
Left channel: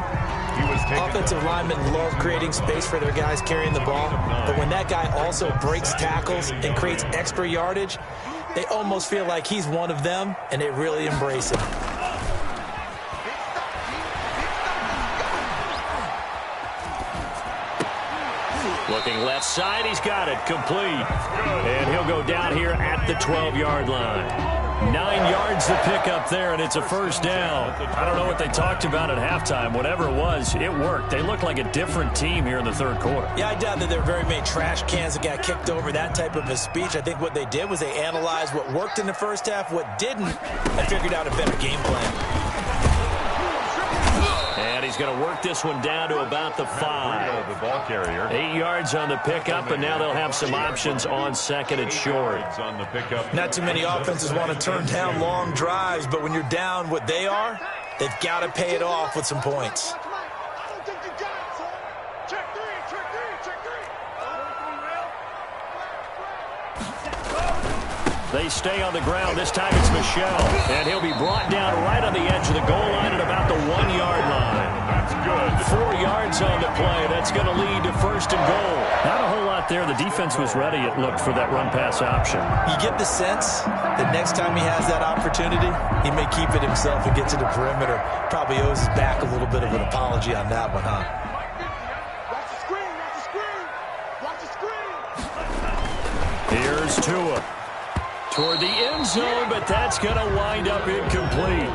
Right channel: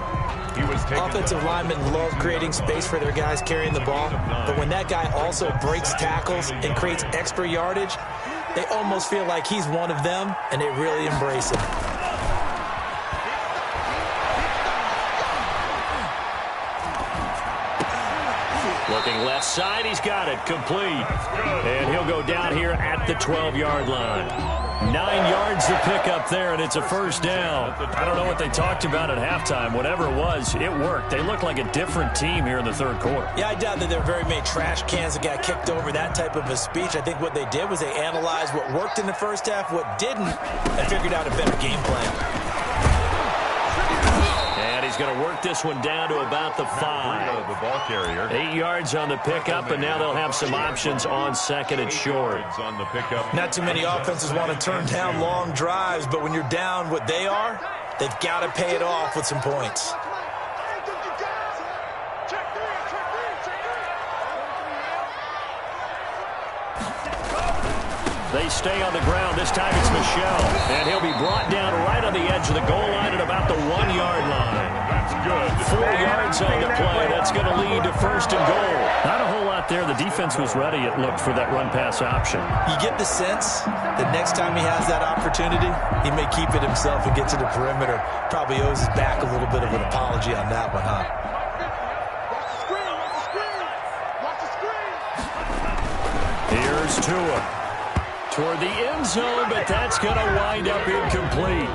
Offensive linemen love creating space for their guys carrying the ball, but when that guy also breaks tackles and creates extra yardage, they almost feel like he's one of them, and they really embrace him. Looking left side, he's got it, complete. And he'll go down here at the 12-yard line. 9 yards to pick up there, and it's a first down. I don't know what they talked about at halftime. Whatever it was, it worked. They looked like a different team here in the third quarter. Yeah, I doubt that there were very many trash cans that got kicked over, that type of a speech. I think what they did was they analyzed what worked in the first half, what didn't, and figured out a better game plan. And he's going to work this one down to about the 5. The ball carrier. 8 yards on the pickup, and now they'll have some options on 2nd and short. On the pickup. Not too many offenses want to turn down long drives, but when you're down what they are, they've got to pay it off with some points. They stay on the ground. This time it's Michel. And he'll be brought down right on the edge of the goal line at about the 1-yard line. That's good. 4 yards on the play. That's going to lead to 1st and goal. Not a whole lot there. The defense was ready, it looked, for that run-pass option. You get the sense that next time he has that opportunity, he may keep it himself and get to the perimeter. Probably owes his back a little bit of an apology on that one, huh? Watch the screen. Watch the screen. Here's Tua. Toward the end zone, but that's going to wind up incomplete.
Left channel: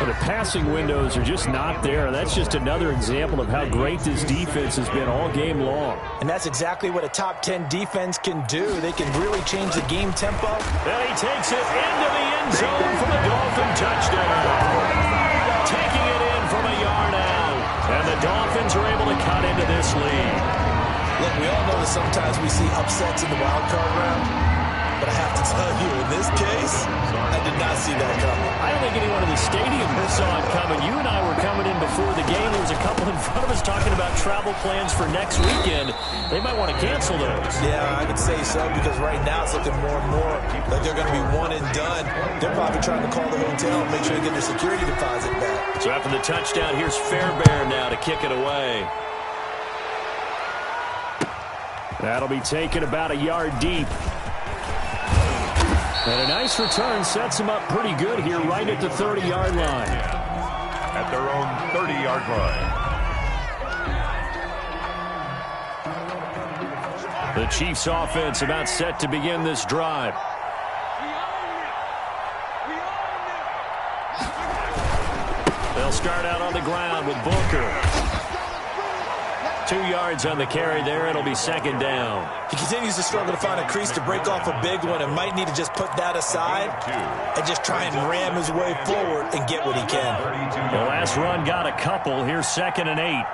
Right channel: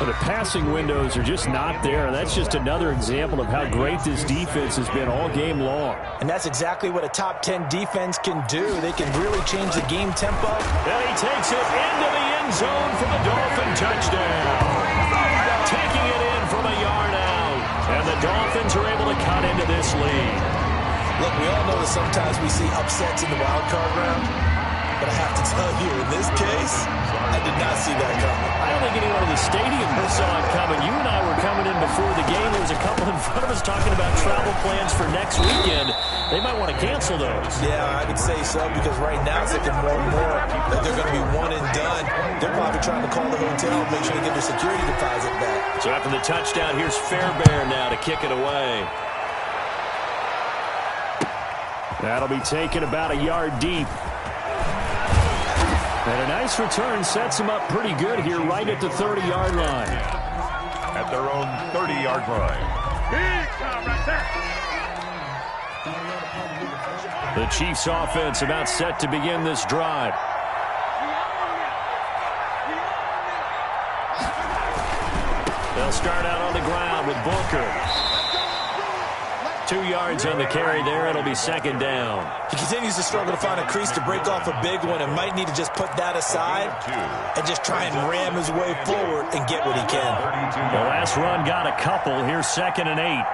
Well, the passing windows are just not there. That's just another example of how great this defense has been all game long. And that's exactly what a top 10 defense can do. They can really change the game tempo. And he takes it into the end zone for the Dolphin touchdown. Taking it in from a yard out. And the Dolphins are able to cut into this lead. Look, we all know that sometimes we see upsets in the wild card round. But I have to tell you, in this case, I did not see that coming. I don't think anyone in the stadium saw it coming. You and I were coming in before the game. There was a couple in front of us talking about travel plans for next weekend. They might want to cancel those. Yeah, I would say so, because right now it's looking more and more like they're going to be one and done. They're probably trying to call the hotel and make sure they get their security deposit back. So after the touchdown, here's Fairbairn now to kick it away. That'll be taken about a yard deep. And a nice return sets him up pretty good here right at the 30-yard line. At their own 30-yard line. The Chiefs offense about set to begin this drive. They'll start out on the ground with Booker. 2 yards on the carry there. It'll be 2nd down. He continues to struggle to find a crease to break off a big one and might need to just put that aside and just try and ram his way forward and get what he can. The last run got a couple. Here's 2nd and 8.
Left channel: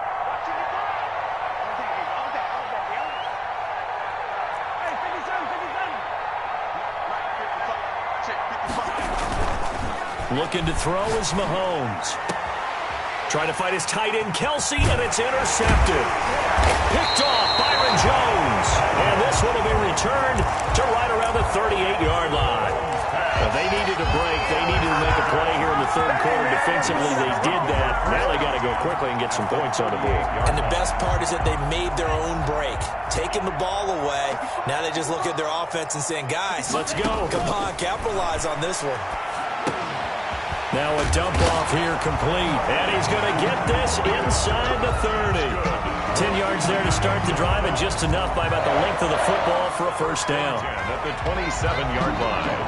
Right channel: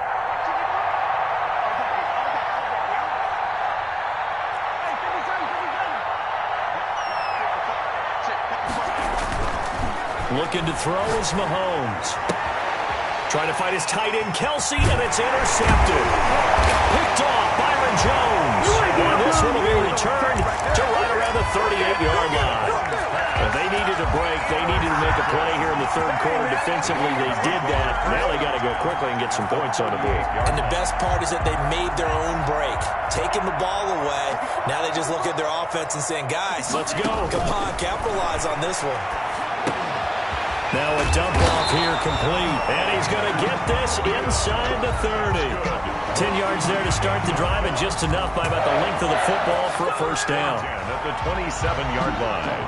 Looking to throw is Mahomes. Trying to fight his tight end, Kelsey, and it's intercepted. Picked off, Byron Jones. And this one will be returned to right around the 38-yard line. They needed a break. They needed to make a play here in the third quarter. Defensively, they did that. Now they got to go quickly and get some points on the board. And the best part is that they made their own break. Taking the ball away. Now they just look at their offense and saying, guys, let's go. Come on, capitalize on this one. Now a dump off here complete. And he's going to get this inside the 30. 10 yards there to start the drive, and just enough by about the length of the football for a first down. At the 27-yard line.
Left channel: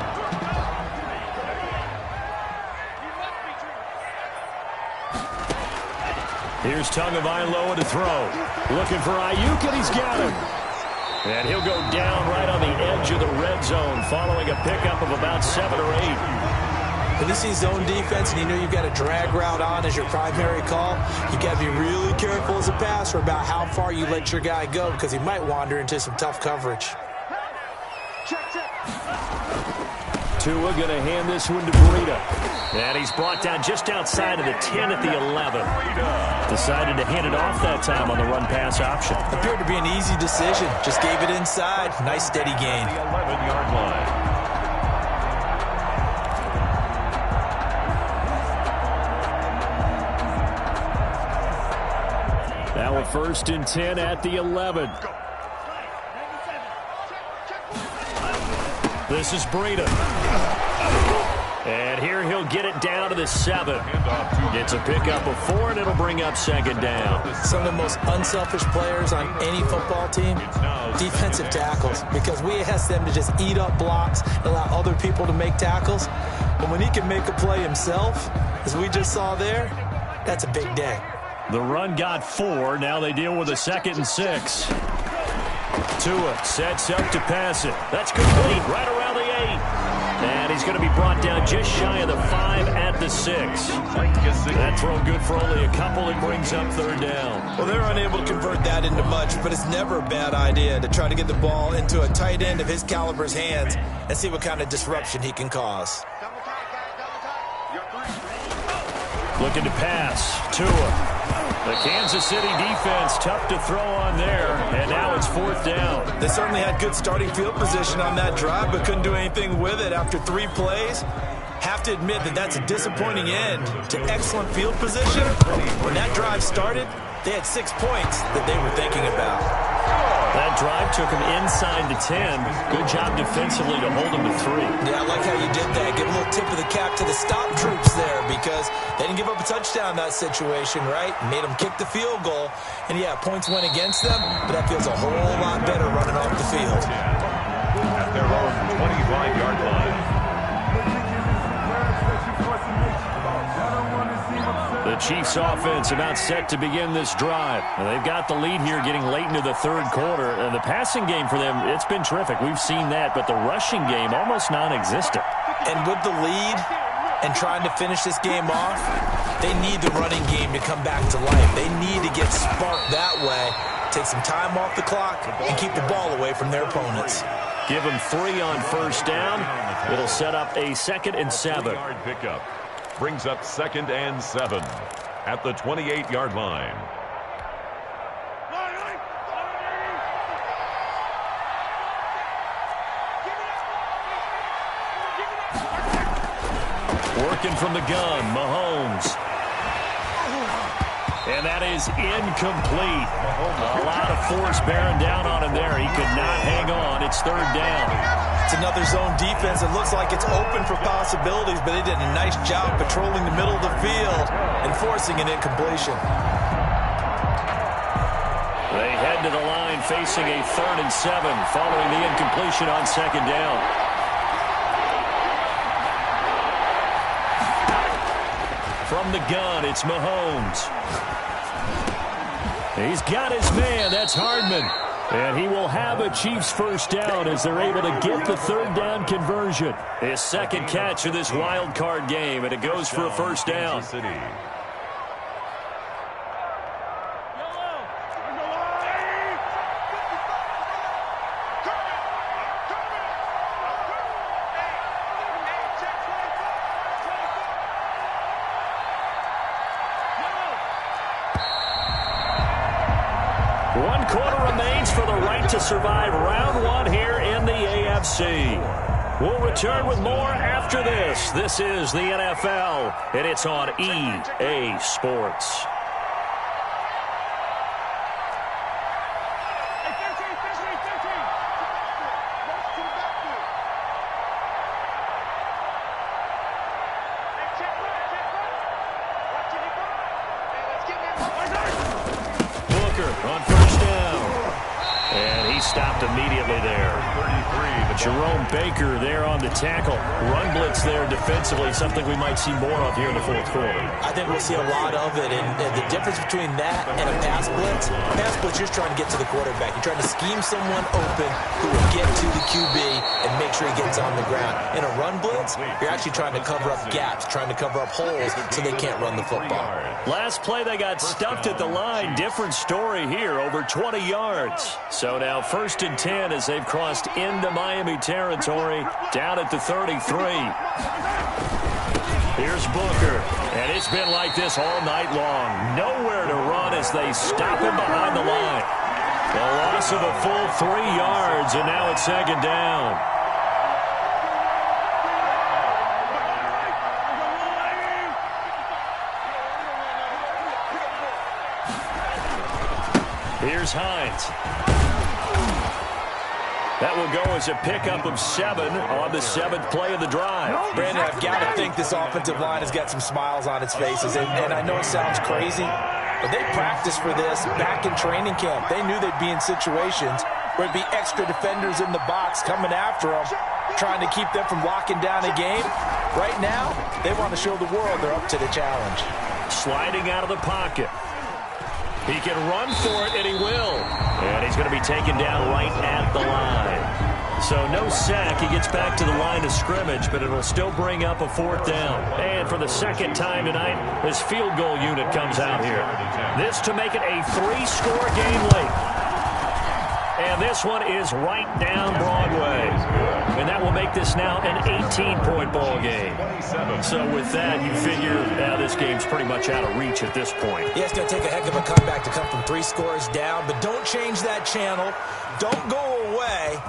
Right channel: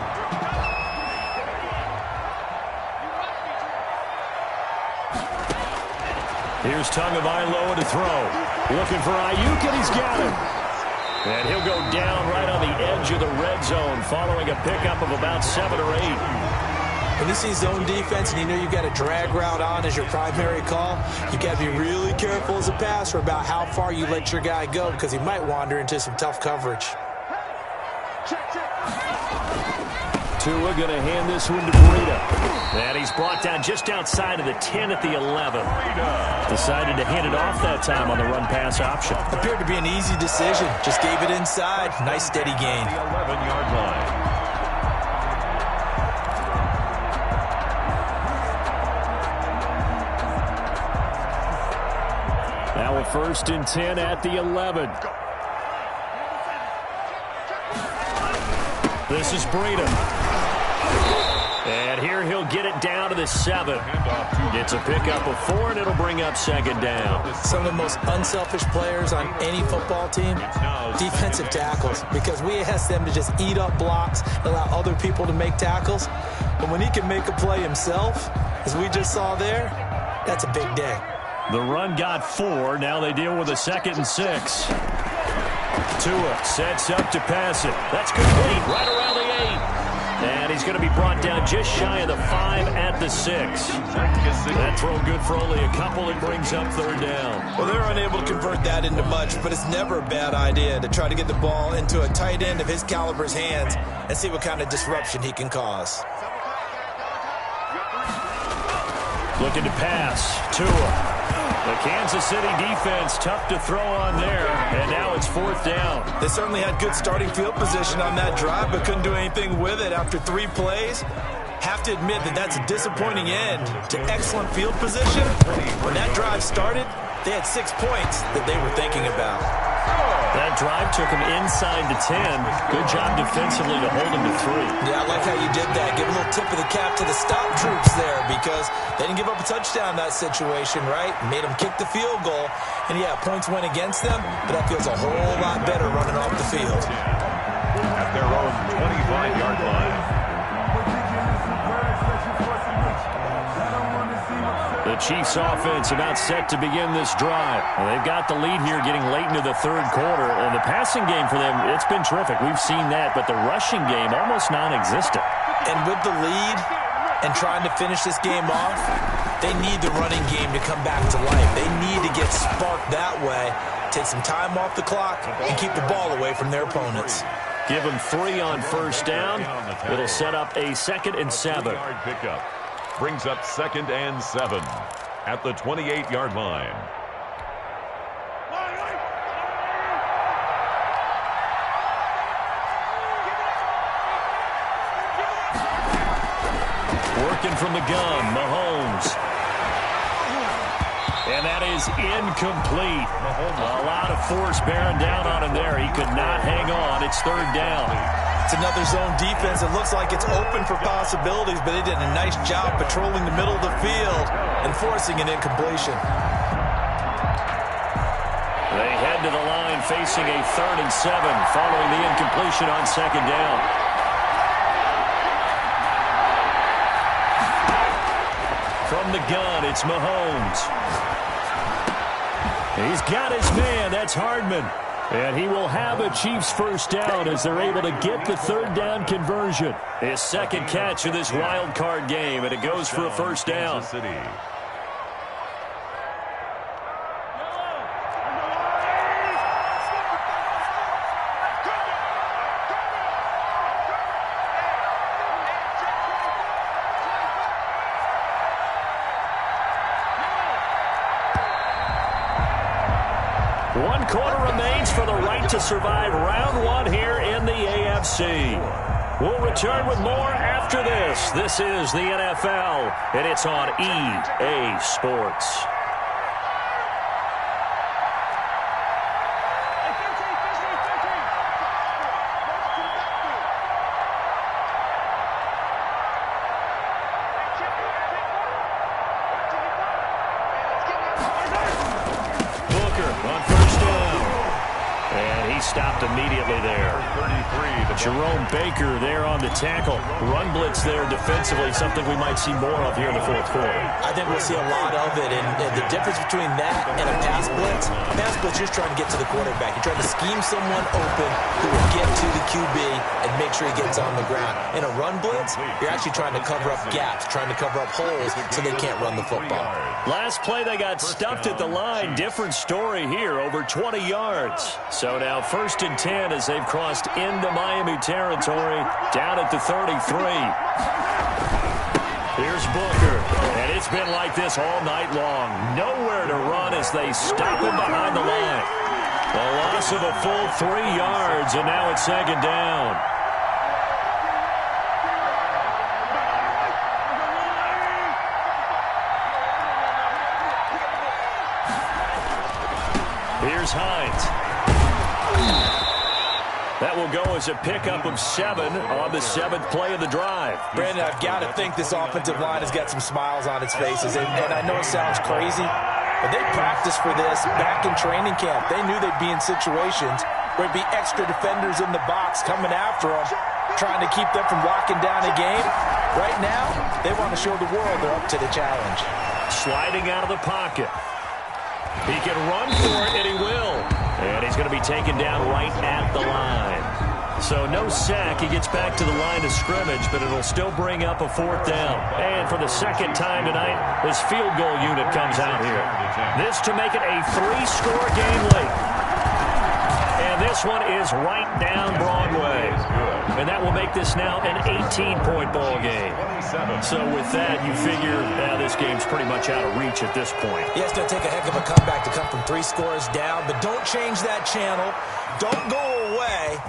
Here's Tagovailoa to throw. Looking for Ayuk, and he's got him. And he'll go down right on the edge of the red zone following a pickup of about 7 or 8. When you see zone defense and you know you've got a drag route on as your primary call, you got to be really careful as a passer about how far you let your guy go because he might wander into some tough coverage. Tua going to hand this one to Breida. And he's brought down just outside of the 10 at the 11. Decided to hand it off that time on the run-pass option. Appeared to be an easy decision. Just gave it inside. Nice steady gain. The 11-yard line. Now a 1st and 10 at the 11. This is Breida. And here he'll get it down to the 7. Gets a pickup of 4, and it'll bring up 2nd down. Some of the most unselfish players on any football team, defensive tackles, because we ask them to just eat up blocks and allow other people to make tackles. But when he can make a play himself, as we just saw there, that's a big day. The run got 4. Now they deal with a 2nd and 6. Tua sets up to pass it. That's complete right around the 8. And he's going to be brought down just shy of the 5 at the 6. That throw good for only a couple. It brings up 3rd down. Well, they're unable to convert that into much, but it's never a bad idea to try to get the ball into a tight end of his caliber's hands and see what kind of disruption he can cause. Looking to pass. Tua. The Kansas City defense tough to throw on there, and now it's 4th down. They certainly had good starting field position on that drive, but couldn't do anything with it after 3 plays. Have to admit that that's a disappointing end to excellent field position. When that drive started, they had 6 points that they were thinking about. That drive took him inside the 10. Good job defensively to hold him to 3. Yeah, I like how you did that. Give a little tip of the cap to the stop troops there because they didn't give up a touchdown in that situation, right? Made them kick the field goal. And, yeah, points went against them, but that feels a whole lot better running off the field. At their own 25-yard line. The Chiefs offense about set to begin this drive. Well, they've got the lead here getting late into the 3rd quarter. And the passing game for them, it's been terrific. We've seen that, but the rushing game almost non-existent. And with the lead and trying to finish this game off, they need the running game to come back to life. They need to get sparked that way, take some time off the clock, and keep the ball away from their opponents. Give them 3 on 1st down. It'll set up a 2nd and 7. Pickup. Brings up 2nd and 7 at the 28-yard line. Working from the gun, Mahomes. And that is incomplete. A lot of force bearing down on him there. He could not hang on. It's 3rd down. It's another zone defense. It looks like it's open for possibilities, but they did a nice job patrolling the middle of the field and forcing an incompletion. They head to the line facing a 3rd and 7 following the incompletion on 2nd down. From the gun, it's Mahomes. He's got his man. That's Hardman. And he will have a Chiefs 1st down as they're able to get the 3rd down conversion. His 2nd catch of this wild card game, and it goes for a 1st down. One quarter remains for the right to survive round 1 here in the AFC. We'll return with more after this. This is the NFL, and it's on EA Sports. On 1st down. And he stopped immediately there. Jerome Baker there on the tackle. Run blitz there defensively, something we might see more of here in the fourth quarter. I think we'll see a lot of it, and the difference between that and a pass blitz, you're just trying to get to the quarterback. You're trying to scheme someone open who will get to the QB and make sure he gets on the ground. In a run blitz, you're actually trying to cover up gaps, trying to cover up holes so they can't run the football. Last play, they got stuffed at the line. Different story here, over 20 yards. So now 1st and 10 as they've crossed into Miami territory, down at the 33. Here's Booker, and it's been like this all night long. Nowhere to run as they stop him behind the line. A loss of a full 3 yards, and now it's 2nd down. Here's Hines. That will go as a pickup of 7 on the 7th play of the drive. Brandon, I've got to think this offensive line has got some smiles on its faces. And I know it sounds crazy, but they practiced for this back in training camp. They knew they'd be in situations where it'd be extra defenders in the box coming after them, trying to keep them from locking down a game. Right now, they want to show the world they're up to the challenge. Sliding out of the pocket. He can run for it, and he will. And he's going to be taken down right at the line. So no sack. He gets back to the line of scrimmage, but it'll still bring up a 4th down. And for the 2nd time tonight, this field goal unit comes out here. This to make it a 3-score game late. And this one is right down Broadway. And that will make this now an 18-point ball game. So with that, you figure this game's pretty much out of reach at this point. Yeah, it's going to take a heck of a comeback to come from 3 scores down, but don't change that channel. Don't go away.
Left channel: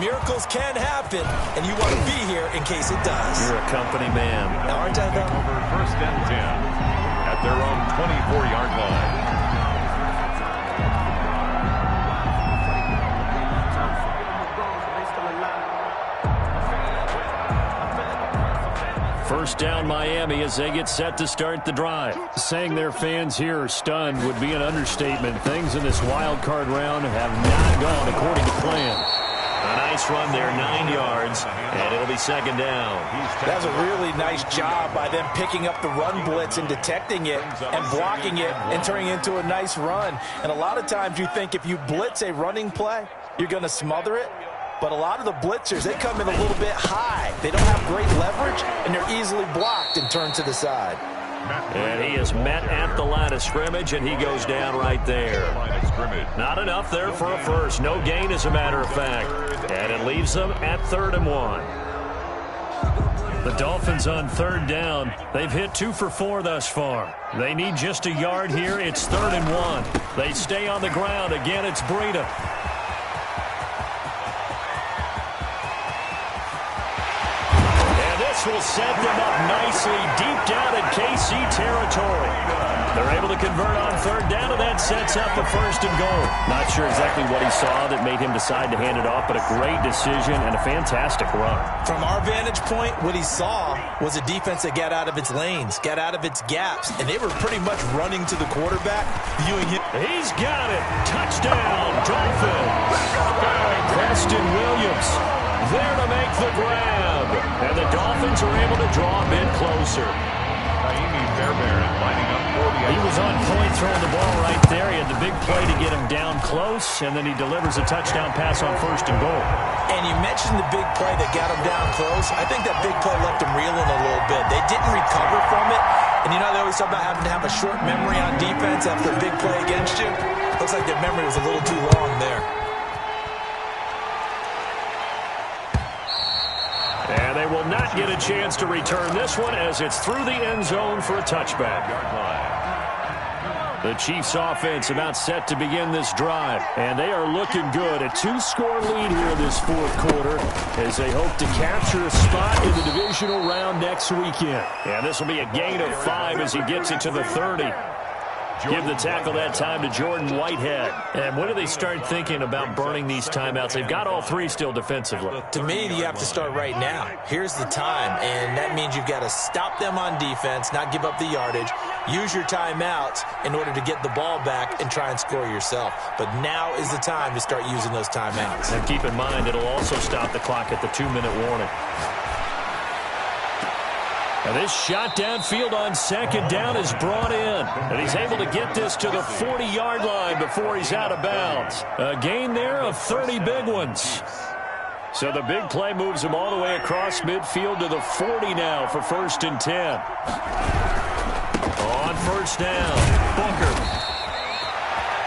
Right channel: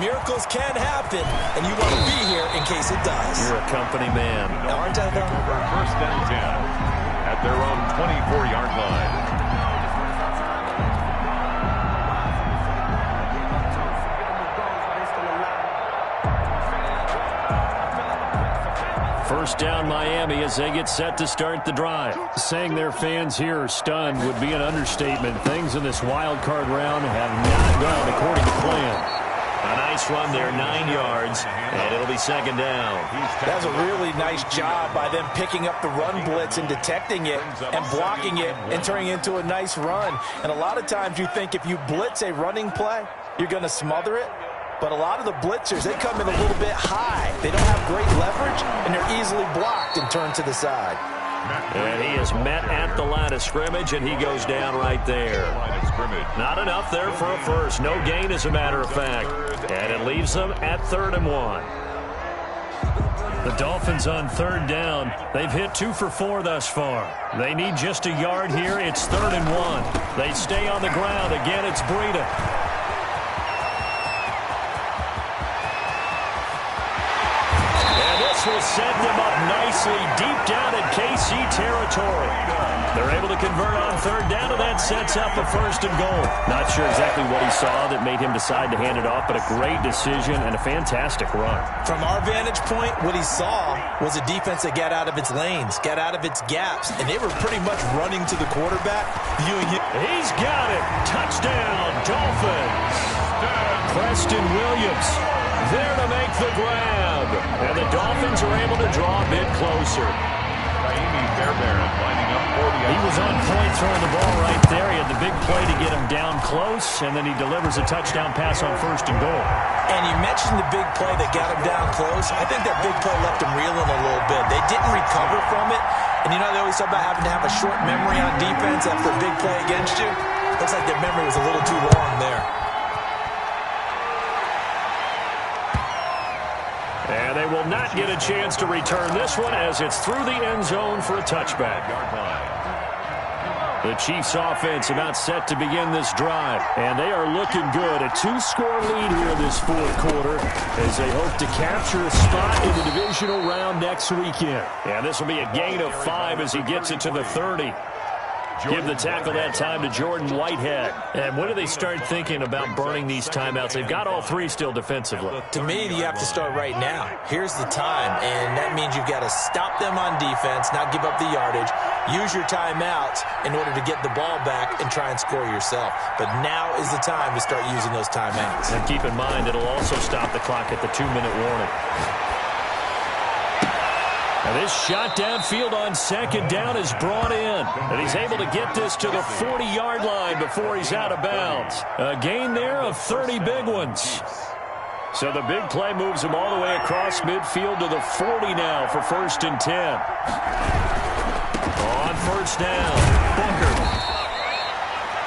Miracles can happen, and you want to be here in case it does. You're a company man. Aren't I, though? Over 1st and 10 at their own 24-yard line. First down Miami as they get set to start the drive. Saying their fans here are stunned would be an understatement. Things in this wild card round have not gone according to plan. A nice run there, 9 yards, and it'll be 2nd down. That was a really nice job by them picking up the run blitz and detecting it and blocking it and turning it into a nice run. And a lot of times you think if you blitz a running play, you're going to smother it. But a lot of the blitzers, they come in a little bit high. They don't have great leverage, and they're easily blocked and turned to the side. And he is met at the line of scrimmage, and he goes down right there. Not enough there for a first. No gain, as a matter of fact. And it leaves them at 3rd and 1. The Dolphins on 3rd down. They've hit 2 for 4 thus far. They need just a yard here. It's 3rd and 1. They stay on the ground. Again, it's Breida. Will set them up nicely deep down in KC territory. They're able to convert on 3rd down, and that sets up a 1st and goal. Not sure exactly what he saw that made him decide to hand it off, but a great decision and a fantastic run. From our vantage point, what he saw was a defense that got out of its lanes, got out of its gaps, and they were pretty much running to the quarterback, viewing him. He's got it. Touchdown, Dolphins. Preston Williams there to make the grab. And the Dolphins are able to draw a bit closer. He was on point throwing the ball right there. He had the big play to get him down close, and then he delivers a touchdown pass on 1st and goal. And you mentioned the big play that got him down close. I think that big play left him reeling a little bit. They didn't recover from it. And you know, they always talk about having to have a short memory on defense after a big play against you. Looks like their memory was a little too long there. And they will not get a chance to return this one as it's through the end zone for a touchback. The Chiefs offense about set to begin this drive, and they are looking good. A 2-score lead here this 4th quarter as they hope to capture a spot in the divisional round next weekend. And this will be a gain of 5 as he gets it to the 30. Give the tackle that time to Jordan Whitehead. And when do they start thinking about burning these timeouts? They've got all three still defensively. To me, you have to start right now. Here's the time, and that means you've got to stop them on defense, not give up the yardage, use your timeouts in order to get the ball back and try and score yourself. But now is the time to start using those timeouts. And keep in mind, it'll also stop the clock at the 2-minute warning. Now this shot downfield on second down is brought in. And he's able to get this to the 40-yard line before he's out of bounds. A gain there of 30 big ones. So the big play moves him all the way across midfield to the 40 now for 1st and 10. On first down, Booker.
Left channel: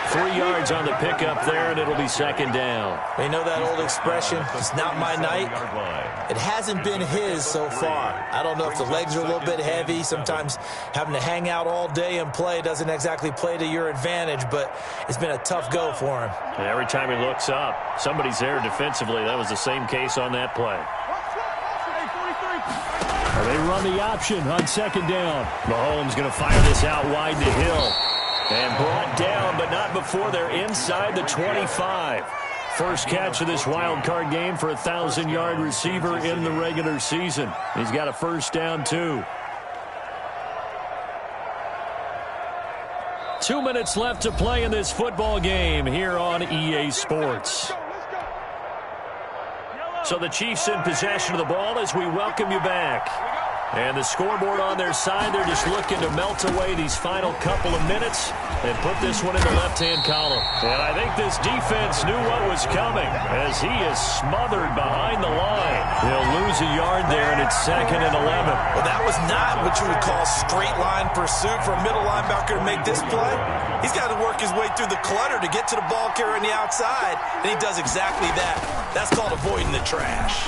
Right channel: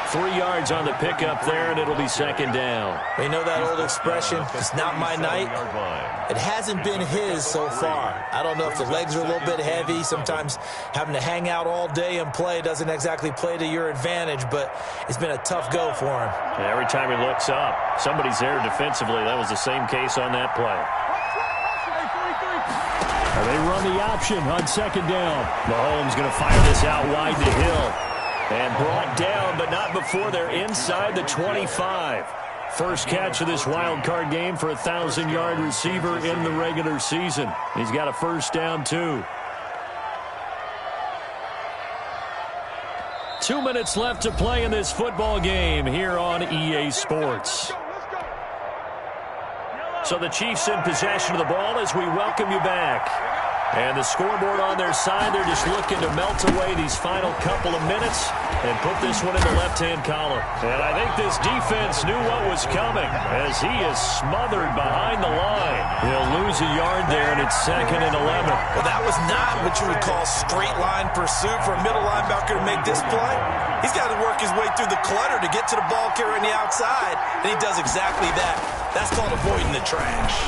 3 yards on the pickup there, and it'll be 2nd down. You know that old expression, it's not my night? It hasn't been his so far. I don't know if the legs are a little bit heavy. Sometimes having to hang out all day and play doesn't exactly play to your advantage, but it's been a tough go for him. And every time he looks up, somebody's there defensively. That was the same case on that play. They run the option on 2nd down. Mahomes going to fire this out wide to Hill. And brought down, but not before they're inside the 25. First catch of this wild card game for a 1,000-yard receiver in the regular season. He's got a 1st down, too. 2 minutes left to play in this football game here on EA Sports. So the Chiefs in possession of the ball as we welcome you back. And the scoreboard on their side, they're just looking to melt away these final couple of minutes and put this one in the left-hand column. And I think this defense knew what was coming as he is smothered behind the line. He'll lose a yard there, and it's 2nd and 11. Well, that was not what you would call straight line pursuit for a middle linebacker to make this play. He's got to work his way through the clutter to get to the ball carrier on the outside, and he does exactly that. That's called avoiding the trash.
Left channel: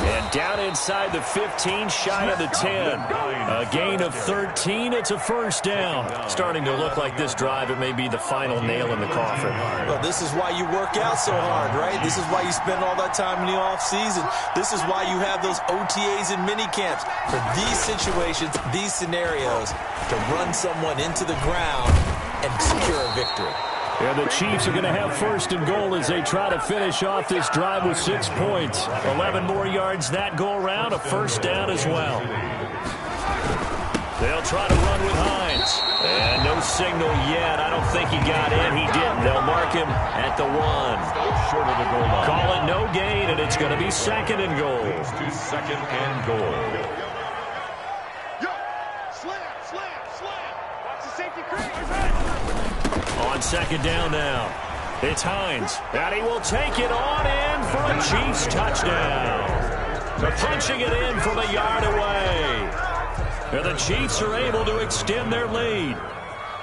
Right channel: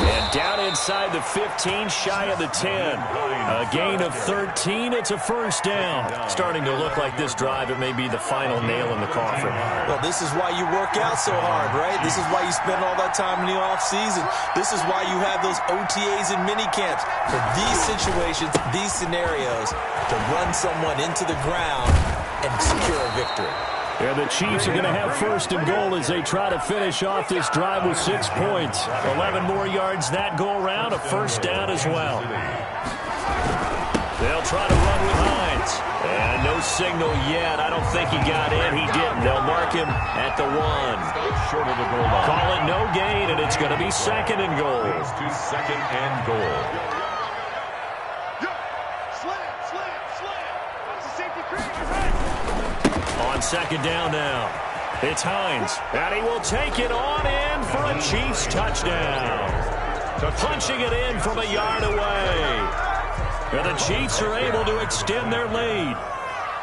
And down inside the 15, shy of the 10. A gain of 13. It's a 1st down. Starting to look like this drive, it may be the final nail in the coffin. Well, this is why you work out so hard, right? This is why you spend all that time in the offseason. This is why you have those OTAs and mini camps. For these situations, these scenarios, to run someone into the ground and secure a victory. And the Chiefs are going to have 1st and goal as they try to finish off this drive with 6 points. 11 more yards that go around, a 1st down as well. They'll try to run with Hines. And no signal yet. I don't think he got in. He didn't. They'll mark him at the 1. Short of the goal line. Call it no gain, and it's going to be 2nd and goal. Goes to 2nd and goal. Watch the safety crease. On 2nd down now. It's Hines. And he will take it on in for a Chiefs touchdown. Punching it in from a yard away. And the Chiefs are able to extend their lead.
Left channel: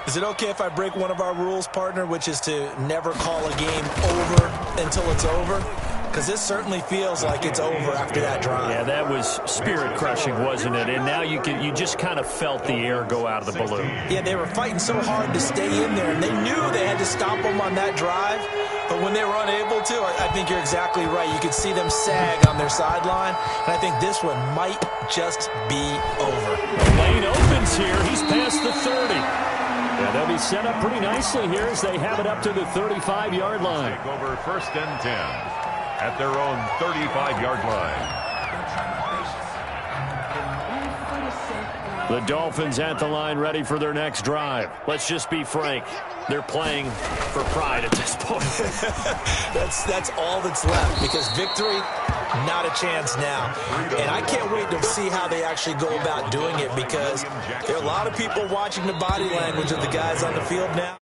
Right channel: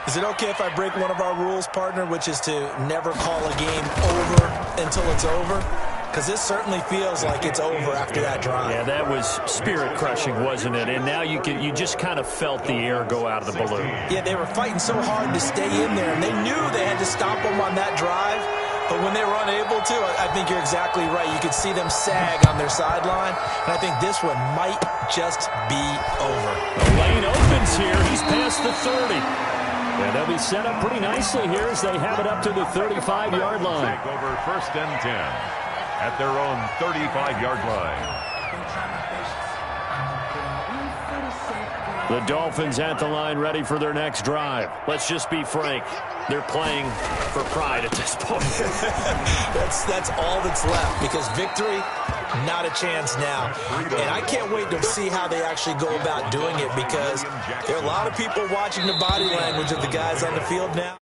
Is it okay if I break one of our rules, partner, which is to never call a game over until it's over? Because this certainly feels like it's over after that drive. Yeah, that was spirit-crushing, wasn't it? And now you just kind of felt the air go out of the balloon. Yeah, they were fighting so hard to stay in there, and they knew they had to stop them on that drive. But when they were unable to, I think you're exactly right. You could see them sag on their sideline, and I think this one might just be over. The lane opens here. He's past the 30. Yeah, they'll be set up pretty nicely here as they have it up to the 35-yard line. Take over 1st and 10 at their own 35-yard line. The Dolphins at the line ready for their next drive. Let's just be frank. They're playing for pride at this point. That's all that's left, because victory, not a chance now. And I can't wait to see how they actually go about doing it, because there are a lot of people watching the body language of the guys on the field now.